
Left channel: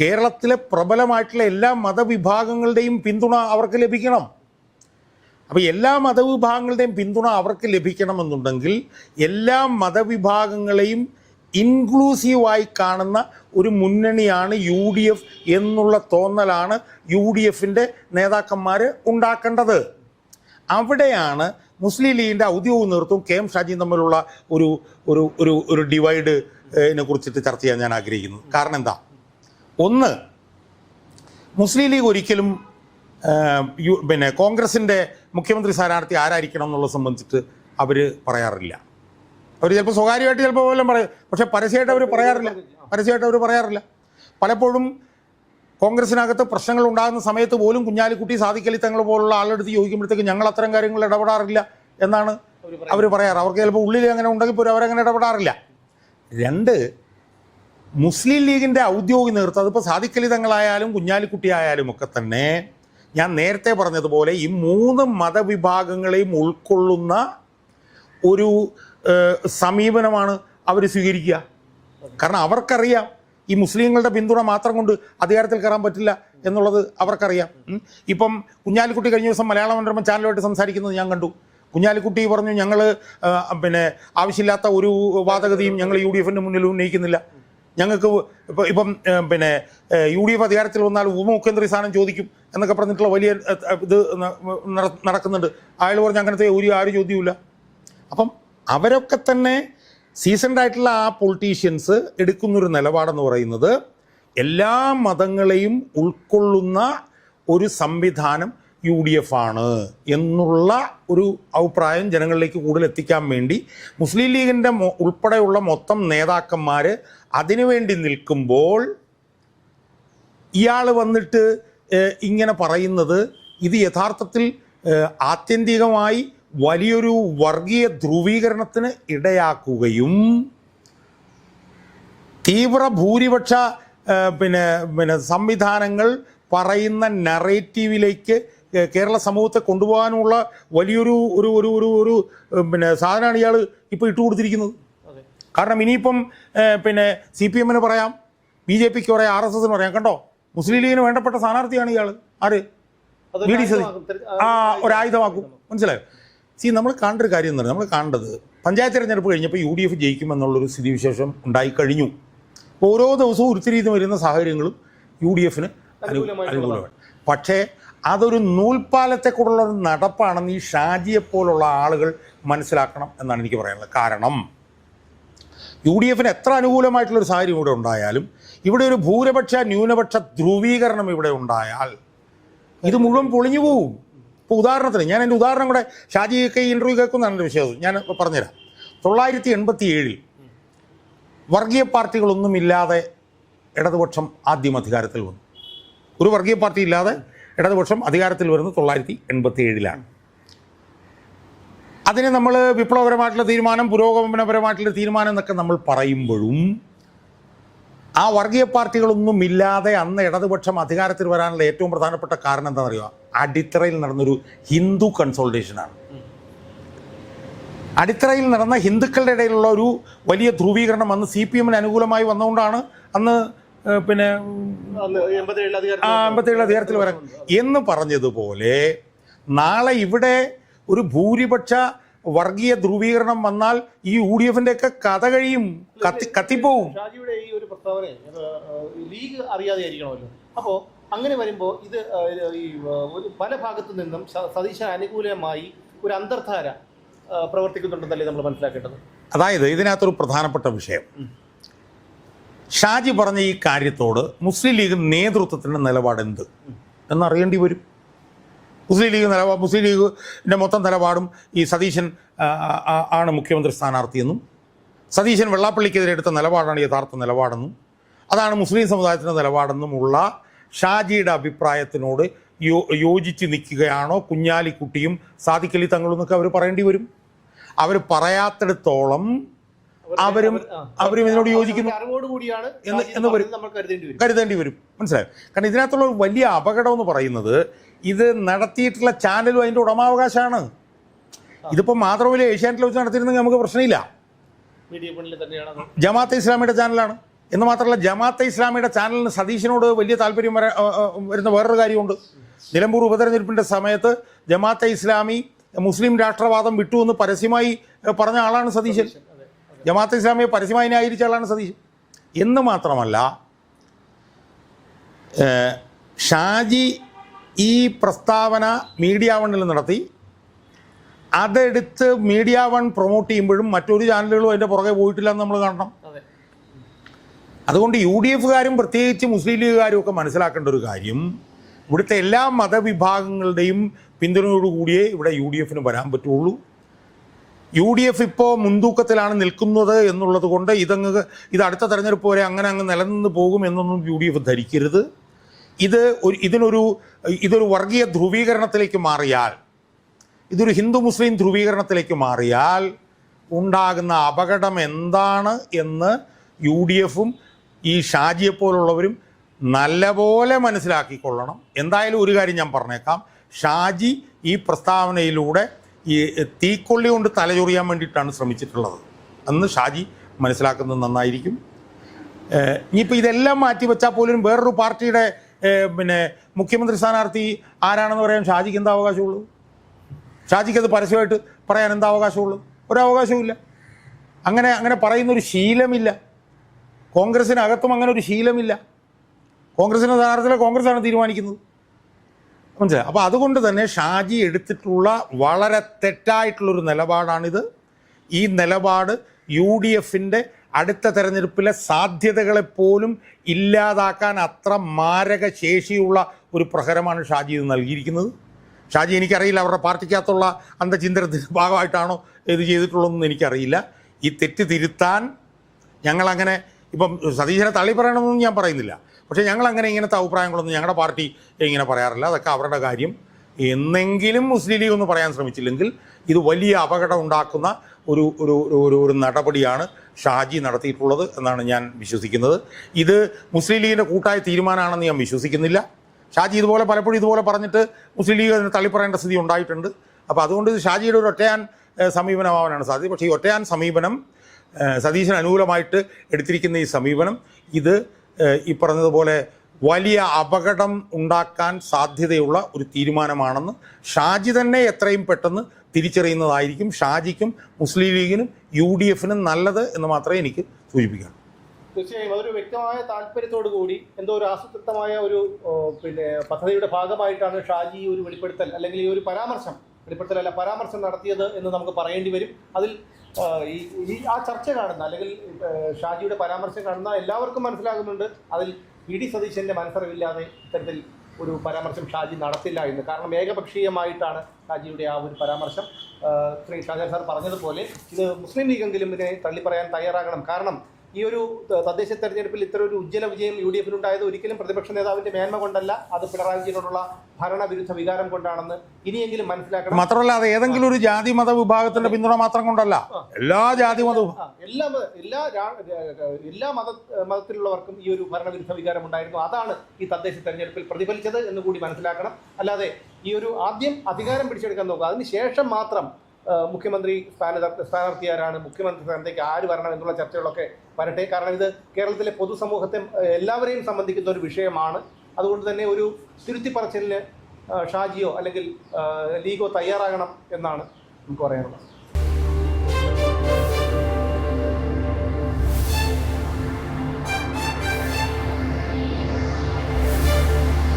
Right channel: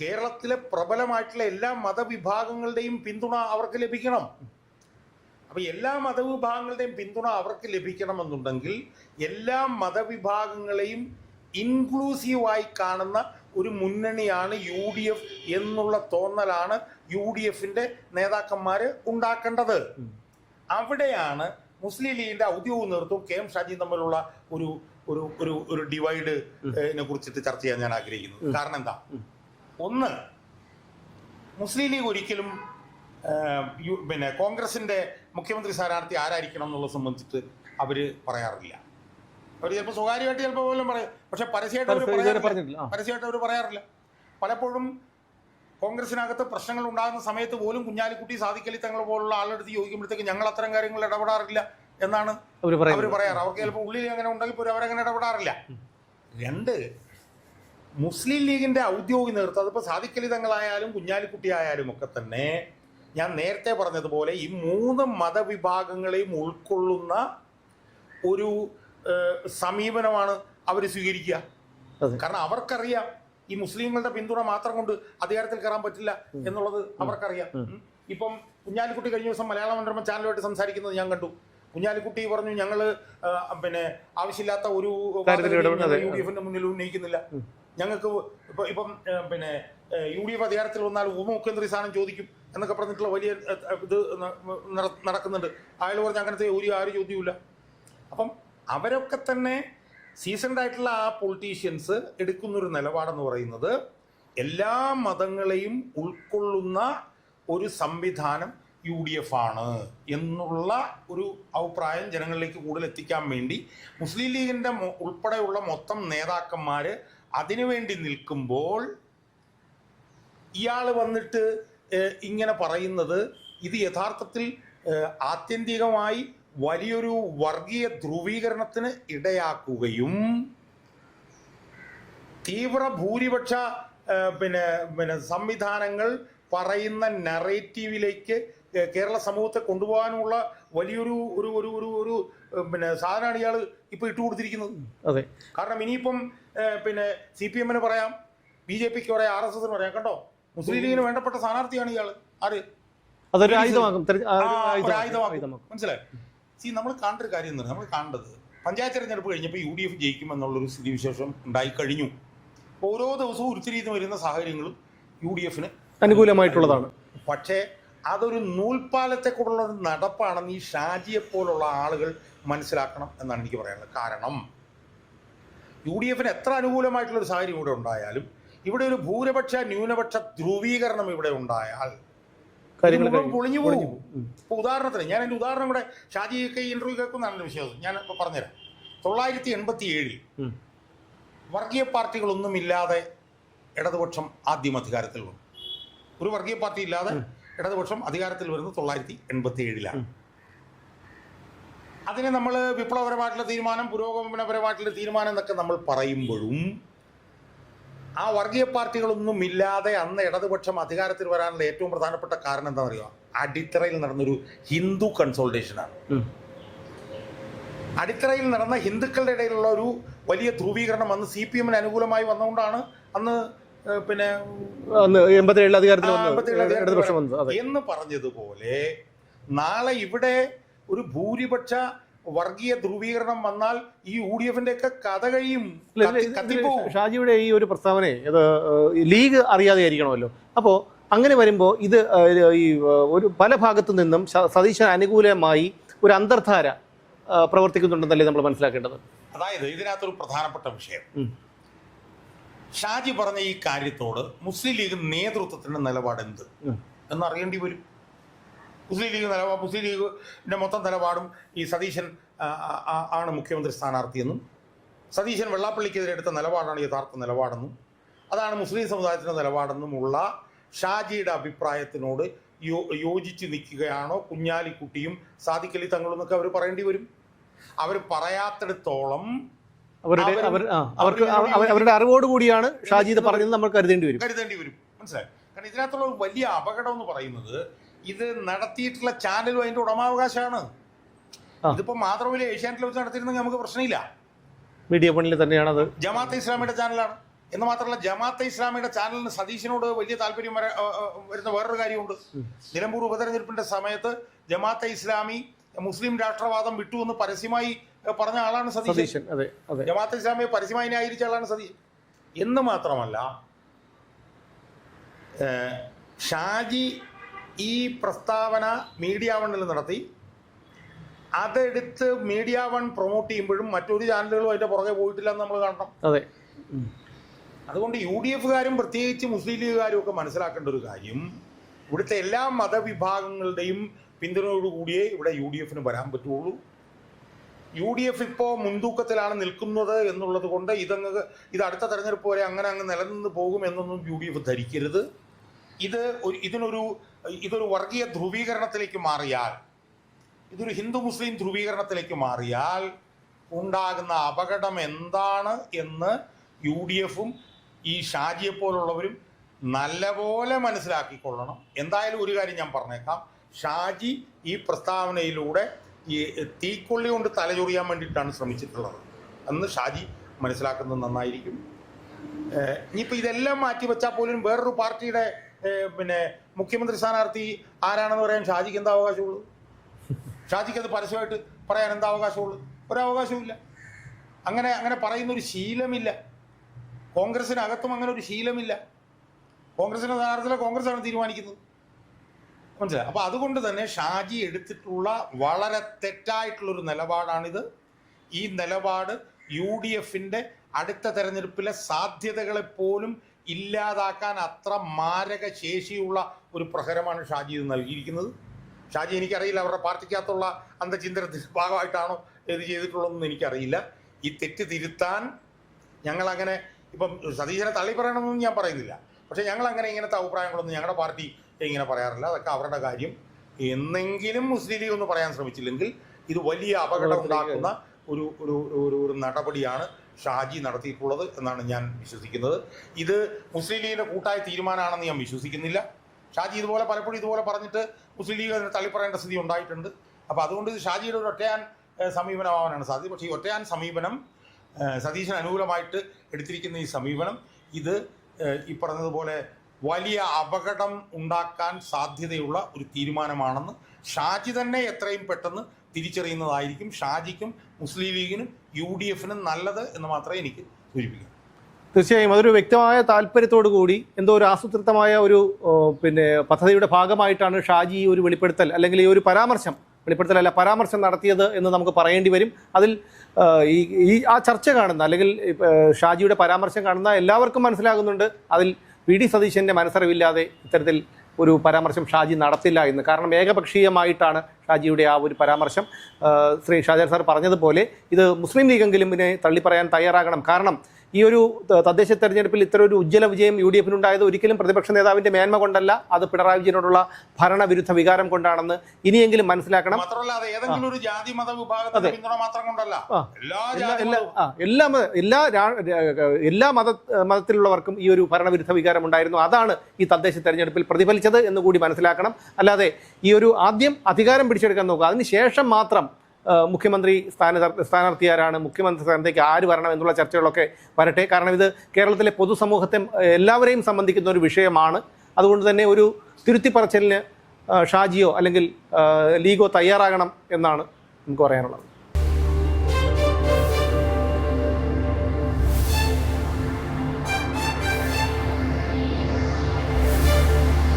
കേരളത്തിലെ പ്രബലമായിട്ടുള്ള എല്ലാ മതവിഭാഗങ്ങളുടെയും പിന്തുണ അവർക്ക് ലഭിക്കണം. അപ്പോൾ എല്ലാ മതവിഭാഗങ്ങളുടെയും പിന്തുണ അവർക്ക് ലഭിക്കണമെന്നുണ്ടെങ്കിൽ എല്ലാ മതവിഭാഗങ്ങളെയും ഇൻക്ലൂസീവായി കാണുന്ന ഒരു മുന്നണിയാണ് UDF എന്നുള്ള തോന്നലാണ് UDFൻ്റെ നേതാക്കന്മാർ ഉണ്ടാക്കേണ്ടത്. അവിടെയാണ് മുസ്ലിം ലീഗിൻ്റെ ഔദ്യോഗിക നേതൃത്വവും KM ഷാജിയും തമ്മിലുള്ള ഒരു ഡിവൈഡിനെ കുറിച്ചിട്ട് ചർച്ച ചെയ്യാൻ ഞാൻ ആഗ്രഹിക്കുന്നു. കാരണം എന്താ? ഒന്ന്, മുസ്ലിം ലീഗ് ഒരിക്കലും കോൺഗ്രസിൻ്റെ മുഖ്യമന്ത്രി സ്ഥാനാർത്ഥി ആരായിരിക്കണം എന്നുള്ളത് സംബന്ധിച്ചിട്ട് അവർ പറയാറില്ല. അവർ ചിലപ്പോൾ സ്വകാര്യമായിട്ട് ചിലപ്പോൾ പോലും പറയും, പക്ഷെ പരസ്യമായിട്ട് അവർ പറയാറില്ല. പലപ്പോഴും കോൺഗ്രസിനകത്ത് പ്രശ്നങ്ങൾ ഉണ്ടാകുന്ന സമയത്ത് പോലും കുഞ്ഞാലിക്കുട്ടി, സാദിഖലി തങ്ങൾ പോലുള്ള ആളെടുത്ത് ചോദിക്കുമ്പോഴത്തേക്ക് ഞങ്ങൾ അത്തരം കാര്യങ്ങൾ ഇടപെടാറില്ല എന്നാണ് അവർ പറയാറ്. അവർക്ക് ചിലപ്പോൾ ഉള്ളിൽ അങ്ങനെ ഉണ്ടെങ്കിൽ പോലും അവരങ്ങനെ ഇടപെടാറില്ല. 2, മുസ്ലിം ലീഗിൻ്റെ ഔദ്യോഗിക നേതൃത്വം, അതിപ്പോൾ സാദിഖലി തങ്ങളായാലും കുഞ്ഞാലിക്കുട്ടി ആയാലും ഒക്കെ തന്നെ ഞാൻ നേരത്തെ പറഞ്ഞതുപോലെ ഈ 3 മതവിഭാഗങ്ങളെയും ഉൾക്കൊള്ളുന്ന ഒരു സമീപനമാണ് അവർ സ്വീകരിക്കുക. കാരണം അവർക്കറിയാം ഈ മുസ്ലിങ്ങളുടെ പിന്തുണ മാത്രം കൊണ്ട് അധികാരത്തിൽ കയറാൻ പറ്റില്ല എന്നുള്ളത് അവർക്കറിയാം. ഇപ്പം കുഞ്ഞാലിക്കുട്ടി കഴിഞ്ഞ ദിവസം മലയാള മനോരമ ചാനലുമായിട്ട് സംസാരിക്കുന്നത് ഞാൻ കണ്ടു. കുഞ്ഞാലിക്കുട്ടി പറഞ്ഞു, ഞങ്ങൾ ആവശ്യമില്ലാത്ത ഒരു വാദഗതിയും ഞങ്ങൾ UDF മുന്നിൽ ഉന്നയിക്കുന്നില്ല. ഞങ്ങൾക്ക് ഇപ്പം UDF അധികാരത്തിൽ വന്നാൽ ഉപമുഖ്യമന്ത്രി സ്ഥാനം ചോദിക്കും എന്നൊക്കെ പറഞ്ഞിട്ടുള്ള വലിയ ഇത് നടക്കുന്നുണ്ട്. അയാൾ പറഞ്ഞ് അങ്ങനത്തെ ആരും ചോദ്യമില്ല. അപ്പം അവരൊക്കെ തന്നെ സീസൺഡ് ആയിട്ടുള്ള ആ പൊളിറ്റീഷ്യൻസ് എടുക്കുന്നൊരു നിലപാടെന്ന് പറയുന്നത് എല്ലാ മതങ്ങളെയും ഉൾക്കൊള്ളുന്ന ഒരു സംവിധാനം UDF ആണ് എന്നുള്ള ഒരു അഭിപ്രായം ജനങ്ങളിലേക്ക് കൂടുതൽ എത്തിക്കാൻ വേണ്ടി മുസ്ലിം ലീഗിൻ്റെ ഉൾപ്പെടെയുള്ള മൊത്തം നേതാക്കന്മാർ അതിനുവേണ്ടി നിൽക്കുമ്പോൾ ഇയാൾ വന്നിട്ട് ഇങ്ങനെ പറയുന്നത് ഇത് യഥാർത്ഥത്തിൽ ആത്യന്തികമായി വലിയൊരു വർഗീയ ധ്രുവീകരണത്തിന് ഇടയാക്കുകയും തീവ്ര ഭൂരിപക്ഷ സംവിധാനങ്ങൾ പറയുന്ന നറേറ്റീവിലേക്ക് കേരള സമൂഹത്തെ കൊണ്ടുപോകാനുള്ള വലിയൊരു ഒരു ഒരു ഒരു ഒരു സാധനമാണ് ഇയാൾ ഇപ്പോൾ ഇട്ടുകൊടുത്തിരിക്കുന്നത്. അതെ, കാരണം ഇനിയിപ്പം CPM പറയാം, BJPക്ക് പറയാം, RSSന് പറയാം, കണ്ടോ മുസ്ലിം ലീഗിന് വേണ്ടപ്പെട്ട സ്ഥാനാർത്ഥിയാണ് ഇയാൾ. ആര് ഒരായുധമാക്കും. മനസ്സിലായോ? നമ്മൾ കാണേണ്ട ഒരു കാര്യം എന്ന് പറഞ്ഞാൽ, നമ്മൾ കാണേണ്ടത് പഞ്ചായത്ത് തിരഞ്ഞെടുപ്പ് കഴിഞ്ഞപ്പോൾ UDF ജയിക്കുമെന്നുള്ളൊരു സ്ഥിതിവിശേഷം ഉണ്ടായിക്കഴിഞ്ഞു. ഓരോ ദിവസവും ഉരുത്തിരിഞ്ഞ് വരുന്ന സാഹചര്യങ്ങളും UDFന് അനുകൂലമായിട്ടുള്ളതാണ്. പക്ഷേ അതൊരു നൂൽപ്പാലത്തെക്കൂടുള്ള ഒരു നടപ്പാണെന്ന് ഈ ഷാജിയെപ്പോലുള്ള ആളുകൾ മനസ്സിലാക്കണം എന്നാണ് എനിക്ക് പറയാനുള്ളത്. കാരണം UDFന് എത്ര അനുകൂലമായിട്ടുള്ളൊരു സാഹചര്യം ഇവിടെ ഉണ്ടായാലും, ഇവിടെ ഒരു ഭൂരിപക്ഷ ന്യൂനപക്ഷ ധ്രുവീകരണം ഇവിടെ ഉണ്ടായാൽ ഇത് മുഴുവൻ പൊളിഞ്ഞു പോകും. ഇപ്പോൾ ഉദാഹരണത്തിന് ഞാൻ എൻ്റെ ഉദാഹരണം കൂടെ, ഷാജിയൊക്കെ ഈ ഇൻ്റർവ്യൂ കേൾക്കുന്നതാണ് എൻ്റെ വിശ്വാസം, ഞാൻ പറഞ്ഞുതരാം. 1987 വർഗീയ പാർട്ടികളൊന്നുമില്ലാതെ ഇടതുപക്ഷം ആദ്യം അധികാരത്തിൽ വന്നു. ഒരു വർഗീയ പാർട്ടി ഇല്ലാതെ ഇടതുപക്ഷം അധികാരത്തിൽ വരുന്നത് 1987 അതിനെ നമ്മൾ വിപ്ലവപരമായിട്ടുള്ള തീരുമാനം, പുരോഗമനപരമായിട്ടുള്ള തീരുമാനം എന്നൊക്കെ നമ്മൾ പറയുമ്പോഴും ആ വർഗീയ പാർട്ടികളൊന്നും ഇല്ലാതെ അന്ന് ഇടതുപക്ഷം അധികാരത്തിൽ വരാനുള്ള ഏറ്റവും പ്രധാനപ്പെട്ട കാരണം എന്താണെന്നറിയുക? അടിത്തറയിൽ നടന്നൊരു ഹിന്ദു കൺസോൾട്ടേഷനാണ്. അടിത്തറയിൽ നടന്ന ഹിന്ദുക്കളുടെ ഇടയിലുള്ള ഒരു വലിയ ധ്രുവീകരണം അന്ന് CPMന് അനുകൂലമായി വന്നുകൊണ്ടാണ് അന്ന് 87 അധികാരത്തിൽ വരാൻ എന്ന് പറഞ്ഞതുപോലെ നാളെ ഇവിടെ ഒരു ഭൂരിപക്ഷ വർഗീയ ധ്രുവീകരണം വന്നാൽ ഈ UDFന്റെ ഒക്കെ കഥ കഴിയും, കത്തിപ്പോവും. ഷാജിയുടെ ഈ ഒരു പ്രസ്താവന ലീഗ് അറിയാതെ ആയിരിക്കണമല്ലോ. അപ്പോൾ അങ്ങനെ വരുമ്പോൾ ഇത് ഈ ഒരു പല ഭാഗത്തു നിന്നും സതീശൻ അനുകൂലമായി ഒരു അന്തർധാര പ്രവർത്തിക്കുന്നുണ്ടെന്നല്ലേ നമ്മൾ മനസ്സിലാക്കേണ്ടത്. അതായത് ഇതിനകത്തൊരു പ്രധാനപ്പെട്ട വിഷയം, ഷാജി പറഞ്ഞ ഈ കാര്യത്തോട് മുസ്ലിം ലീഗ് നേതൃത്വത്തിൻ്റെ നിലപാട് എന്ത് എന്നറിയേണ്ടി വരും. മുസ്ലിം ലീഗിൻ്റെ മൊത്തം നിലപാടും ഈ സതീശൻ ആണ് മുഖ്യമന്ത്രി സ്ഥാനാർത്ഥിയെന്നും സതീശൻ വെള്ളാപ്പള്ളിക്കെതിരെ എടുത്ത നിലപാടാണ് യഥാർത്ഥ നിലപാടെന്നും അതാണ് മുസ്ലിം സമുദായത്തിൻ്റെ നിലപാടെന്നുമുള്ള ഷാജിയുടെ അഭിപ്രായത്തിനോട് യോജിച്ച് നിൽക്കുകയാണോ കുഞ്ഞാലിക്കുട്ടിയും സാദിഖ് അലി തങ്ങളും എന്നൊക്കെ അവർ പറയേണ്ടി വരും. അവർ പറയാത്തിടത്തോളം അറിവോടുകൂടിയാണ് നമ്മൾ കരുതേണ്ടി വരും. മനസ്സിലായോ? കാരണം ഇതിനകത്തുള്ള ഒരു വലിയ അപകടം എന്ന് പറയുന്നത് ഇത് നടത്തിയിട്ടുള്ള ചാനലും അതിൻ്റെ ഉടമാവകാശമാണ്. ഇതിപ്പോൾ മാത്രമല്ല ഏഷ്യാനെറ്റിൽ വെച്ച് നടത്തിയിരുന്നെങ്കിൽ നമുക്ക് പ്രശ്നമില്ല. മീഡിയ ഫണ്ടിൽ തന്നെയാണ്. ജമാഅത്തെ ഇസ്ലാമിയുടെ ചാനലാണ് എന്ന് മാത്രമല്ല, ജമാഅത്തെ ഇസ്ലാമിയുടെ ചാനലിന് സതീശനോട് വലിയ താല്പര്യം വരുന്ന വേറൊരു കാര്യമുണ്ട്. നിലമ്പൂർ ഉപതെരഞ്ഞെടുപ്പിൻ്റെ സമയത്ത് ജമാഅത്തെ ഇസ്ലാമി മുസ്ലിം രാഷ്ട്രവാദം വിട്ടുവെന്ന് പരസ്യമായി പറഞ്ഞ ആളാണ് സതീശൻ. ജമാഅത്തെ ഇസ്ലാമിയെ പരസ്യമായി ന്യായീകരിച്ച ആളാണ് സതീശൻ. എന്ന് മാത്രമല്ല, ഷാജി ഈ പ്രസ്താവന മീഡിയ വണ്ണിൽ നടത്തി, അതെടുത്ത് മീഡിയ വൺ പ്രൊമോട്ട് ചെയ്യുമ്പോഴും മറ്റൊരു ചാനലുകളും അതിൻ്റെ പുറകെ പോയിട്ടില്ല എന്ന് നമ്മൾ കാണണം. അതുകൊണ്ട് UDFകാരും പ്രത്യേകിച്ച് മുസ്ലിം ലീഗുകാരും ഒക്കെ മനസ്സിലാക്കേണ്ട ഒരു കാര്യം, ഇവിടുത്തെ എല്ലാ മതവിഭാഗങ്ങളുടെയും പിന്തുണയോടുകൂടിയേ ഇവിടെ UDFന് വരാൻ പറ്റുള്ളൂ. UDF ഇപ്പോൾ മുൻതൂക്കത്തിലാണ് നിൽക്കുന്നത് എന്നുള്ളത് കൊണ്ട് ഇത് അടുത്ത തെരഞ്ഞെടുപ്പ് വരെ അങ്ങനെ നിലനിന്ന് പോകും എന്നൊന്നും UDF ധരിക്കരുത്. ഇതൊരു വർഗീയ ധ്രുവീകരണത്തിലേക്ക് മാറിയാൽ, ഇതൊരു ഹിന്ദു മുസ്ലിം ധ്രുവീകരണത്തിലേക്ക് മാറിയാൽ ഉണ്ടാകുന്ന അപകടം എന്താണ് എന്ന് UDFും ഈ ഷാജിയെപ്പോലുള്ളവരും നല്ലപോലെ മനസ്സിലാക്കിക്കൊള്ളണം. എന്തായാലും ഒരു കാര്യം ഞാൻ പറഞ്ഞേക്കാം, ഷാജി ഈ പ്രസ്താവനയിലൂടെ ഈ തീക്കൊള്ളി കൊണ്ട് തലചൊറിയാൻ വേണ്ടിയിട്ടാണ് ശ്രമിച്ചിട്ടുള്ളത് എന്ന് ഷാജി മനസ്സിലാക്കുന്നത് നന്നായിരിക്കും. ഇനിയിപ്പോൾ ഇതെല്ലാം മാറ്റി വെച്ചാൽ പോലും വേറൊരു പാർട്ടിയുടെ മുഖ്യമന്ത്രി സ്ഥാനാർത്ഥി ആരാണെന്ന് പറയാൻ ഷാജിക്ക് എന്താ അവകാശമുള്ളൂ? ഷാജിക്ക് അത് പരസ്യമായിട്ട് പറയാൻ എന്താ അവകാശമുള്ളത്? ഒരവകാശവുമില്ല. അങ്ങനെ പറയുന്നൊരു ശീലമില്ല. കോൺഗ്രസിനകത്തും അങ്ങനെ ഒരു ശീലമില്ല. കോൺഗ്രസിൻ്റെ സ്ഥാനാർത്ഥികളെ കോൺഗ്രസ്സാണ് തീരുമാനിക്കുന്നത്. മനസ്സിലായി? അപ്പോൾ അതുകൊണ്ട് തന്നെ ഷാജി എടുത്തിട്ടുള്ള വളരെ തെറ്റായിട്ടുള്ളൊരു നിലപാടാണിത്. ഈ നിലപാട് UDFൻ്റെ അടുത്ത തെരഞ്ഞെടുപ്പിലെ സാധ്യതകളെപ്പോലും ഇല്ലാതാക്കാൻ അത്ര മാരക ശേഷിയുള്ള ഒരു പ്രഹരമാണ് ഷാജി ഇത് നൽകിയിരിക്കുന്നത്. ഷാജി എനിക്കറിയില്ല അവരുടെ പാർട്ടിക്കകത്തുള്ള അന്തചിന്തനത്തിൻ്റെ ഭാഗമായിട്ടാണോ ഇത് ചെയ്തിട്ടുള്ളതെന്ന് എനിക്കറിയില്ല. ഈ തെറ്റ് തിരുത്താൻ ഞങ്ങളങ്ങനെ ഇപ്പം സതീശനെ തള്ളി പറയണമെന്നൊന്നും ഞാൻ പറയുന്നില്ല. പക്ഷേ ഞങ്ങളങ്ങനെ ഇങ്ങനത്തെ അഭിപ്രായങ്ങളൊന്നും ഞങ്ങളുടെ പാർട്ടി ഇങ്ങനെ പറയാറില്ല. അതൊക്കെ അവരുടെ കാര്യം. എന്നെങ്കിലും മുസ്ലിം ലീഗ് ഒന്ന് പറയാൻ ശ്രമിച്ചില്ലെങ്കിൽ ഇത് വലിയ അപകടം ഉണ്ടാക്കുന്ന ഒരു നടപടിയാണ് ഷാജി നടത്തിയിട്ടുള്ളത് എന്നാണ് ഞാൻ വിശ്വസിക്കുന്നത്. ഇത് മുസ്ലിം ലീഗിൻ്റെ കൂട്ടായ തീരുമാനമാണെന്ന് ഞാൻ വിശ്വസിക്കുന്നില്ല. ഷാജി ഇതുപോലെ പലപ്പോഴും ഇതുപോലെ പറഞ്ഞിട്ട് മുസ്ലിം ലീഗ് അതിന് തള്ളിപ്പറയേണ്ട സ്ഥിതി ഉണ്ടായിട്ടുണ്ട്. അപ്പോൾ അതുകൊണ്ട് ഇത് ഷാജിയുടെ ഒരു ഒറ്റയാൻ സമീപനമാവാനാണ് സാധ്യത. പക്ഷേ ഈ ഒറ്റയാൻ സമീപനം സതീശന് അനുകൂലമായിട്ട് എടുത്തിരിക്കുന്ന ഈ സമീപനം ഇത് ഈ പറഞ്ഞതുപോലെ വലിയ അപകടം ഉണ്ടാക്കാൻ സാധ്യതയുള്ള ഒരു തീരുമാനമാണെന്ന് ഷാജി തന്നെ എത്രയും പെട്ടെന്ന് തിരിച്ചറിയുന്നതായിരിക്കും ഷാജിക്കും മുസ്ലിം ലീഗിനും UDFനും നല്ലത് എന്ന് മാത്രമേ എനിക്ക് സൂചിപ്പിക്കാം. തീർച്ചയായും അതൊരു വ്യക്തമായ താല്പര്യത്തോടു കൂടി എന്തോ ഒരു ആസൂത്രിതമായ ഒരു പദ്ധതിയുടെ ഭാഗമായിട്ടാണ് ഷാജി ഒരു വെളിപ്പെടുത്തൽ അല്ലെങ്കിൽ ഈ ഒരു പരാമർശം നടത്തിയത് എന്ന് നമുക്ക് പറയേണ്ടി വരും. അതിൽ ആ ചർച്ച കാണുന്ന അല്ലെങ്കിൽ ഷാജിയുടെ പരാമർശം കാണുന്ന എല്ലാവർക്കും മനസ്സിലാകുന്നുണ്ട് അതിൽ PD സതീശൻ്റെ മനസ്സറിവില്ലാതെ ഇത്തരത്തിൽ ഒരു പരാമർശം ഷാജി നടത്തില്ല എന്ന്. കാരണം ഏകപക്ഷീയമായിട്ടാണ് ഷാജിയുടെ ആ ഒരു പരാമർശം. ശ്രീ ഷാജാൻ സാർ പറഞ്ഞതുപോലെ ഇത് മുസ്ലിം ലീഗെങ്കിലും ഇതിനെ തള്ളിപ്പറയാൻ തയ്യാറാകണം. കാരണം ഈ ഒരു തദ്ദേശ തെരഞ്ഞെടുപ്പിൽ ഇത്ര ഒരു ഉജ്ജ്വല വിജയം UDFനുണ്ടായത് ഒരിക്കലും പ്രതിപക്ഷ നേതാവിന്റെ മേന്മ കൊണ്ടല്ല, അത് പിണറായി വിജയനോടുള്ള ഭരണവിരുദ്ധ വികാരം കൊണ്ടാണെന്ന് ഇനിയെങ്കിലും മനസ്സിലാക്കണം. മാത്രമല്ല അത് ഏതെങ്കിലും ഒരു ജാതി മത വിഭാഗത്തിന്റെ പിന്തുണ മാത്രം കൊണ്ടല്ല, എല്ലാ ജാതി മതവും എല്ലാ മതത്തിലുള്ളവർക്കും ഈ ഒരു ഭരണവിരുദ്ധ വികാരം ഉണ്ടായിരുന്നു. അതാണ് ഈ തദ്ദേശ തെരഞ്ഞെടുപ്പിൽ പ്രതിഫലിച്ചത് എന്ന് കൂടി മനസ്സിലാക്കണം. അല്ലാതെ ഈ ഒരു ആദ്യം അധികാരം പിടിച്ചെടുക്കാൻ നോക്കുക, അതിനുശേഷം മാത്രം മുഖ്യമന്ത്രി സ്ഥാനാർത്ഥി ആരാണ്, മുഖ്യമന്ത്രി സ്ഥാനത്തേക്ക് ആര് വരണം എന്നുള്ള ചർച്ചകളൊക്കെ വരട്ടെ. കാരണം ഇത് കേരളത്തിലെ പൊതുസമൂഹത്തെ എല്ലാവരെയും സംബന്ധിക്കുന്ന ഒരു വിഷയമാണ്. അതുകൊണ്ട് തന്നെ ഒരു തിരുത്തിപ്പറച്ചിലിന് ഷാജിയോ അല്ലെങ്കിൽ ലീഗോ തയ്യാറാകണം എന്നാണ് നമുക്ക് പറയാനുള്ളത്.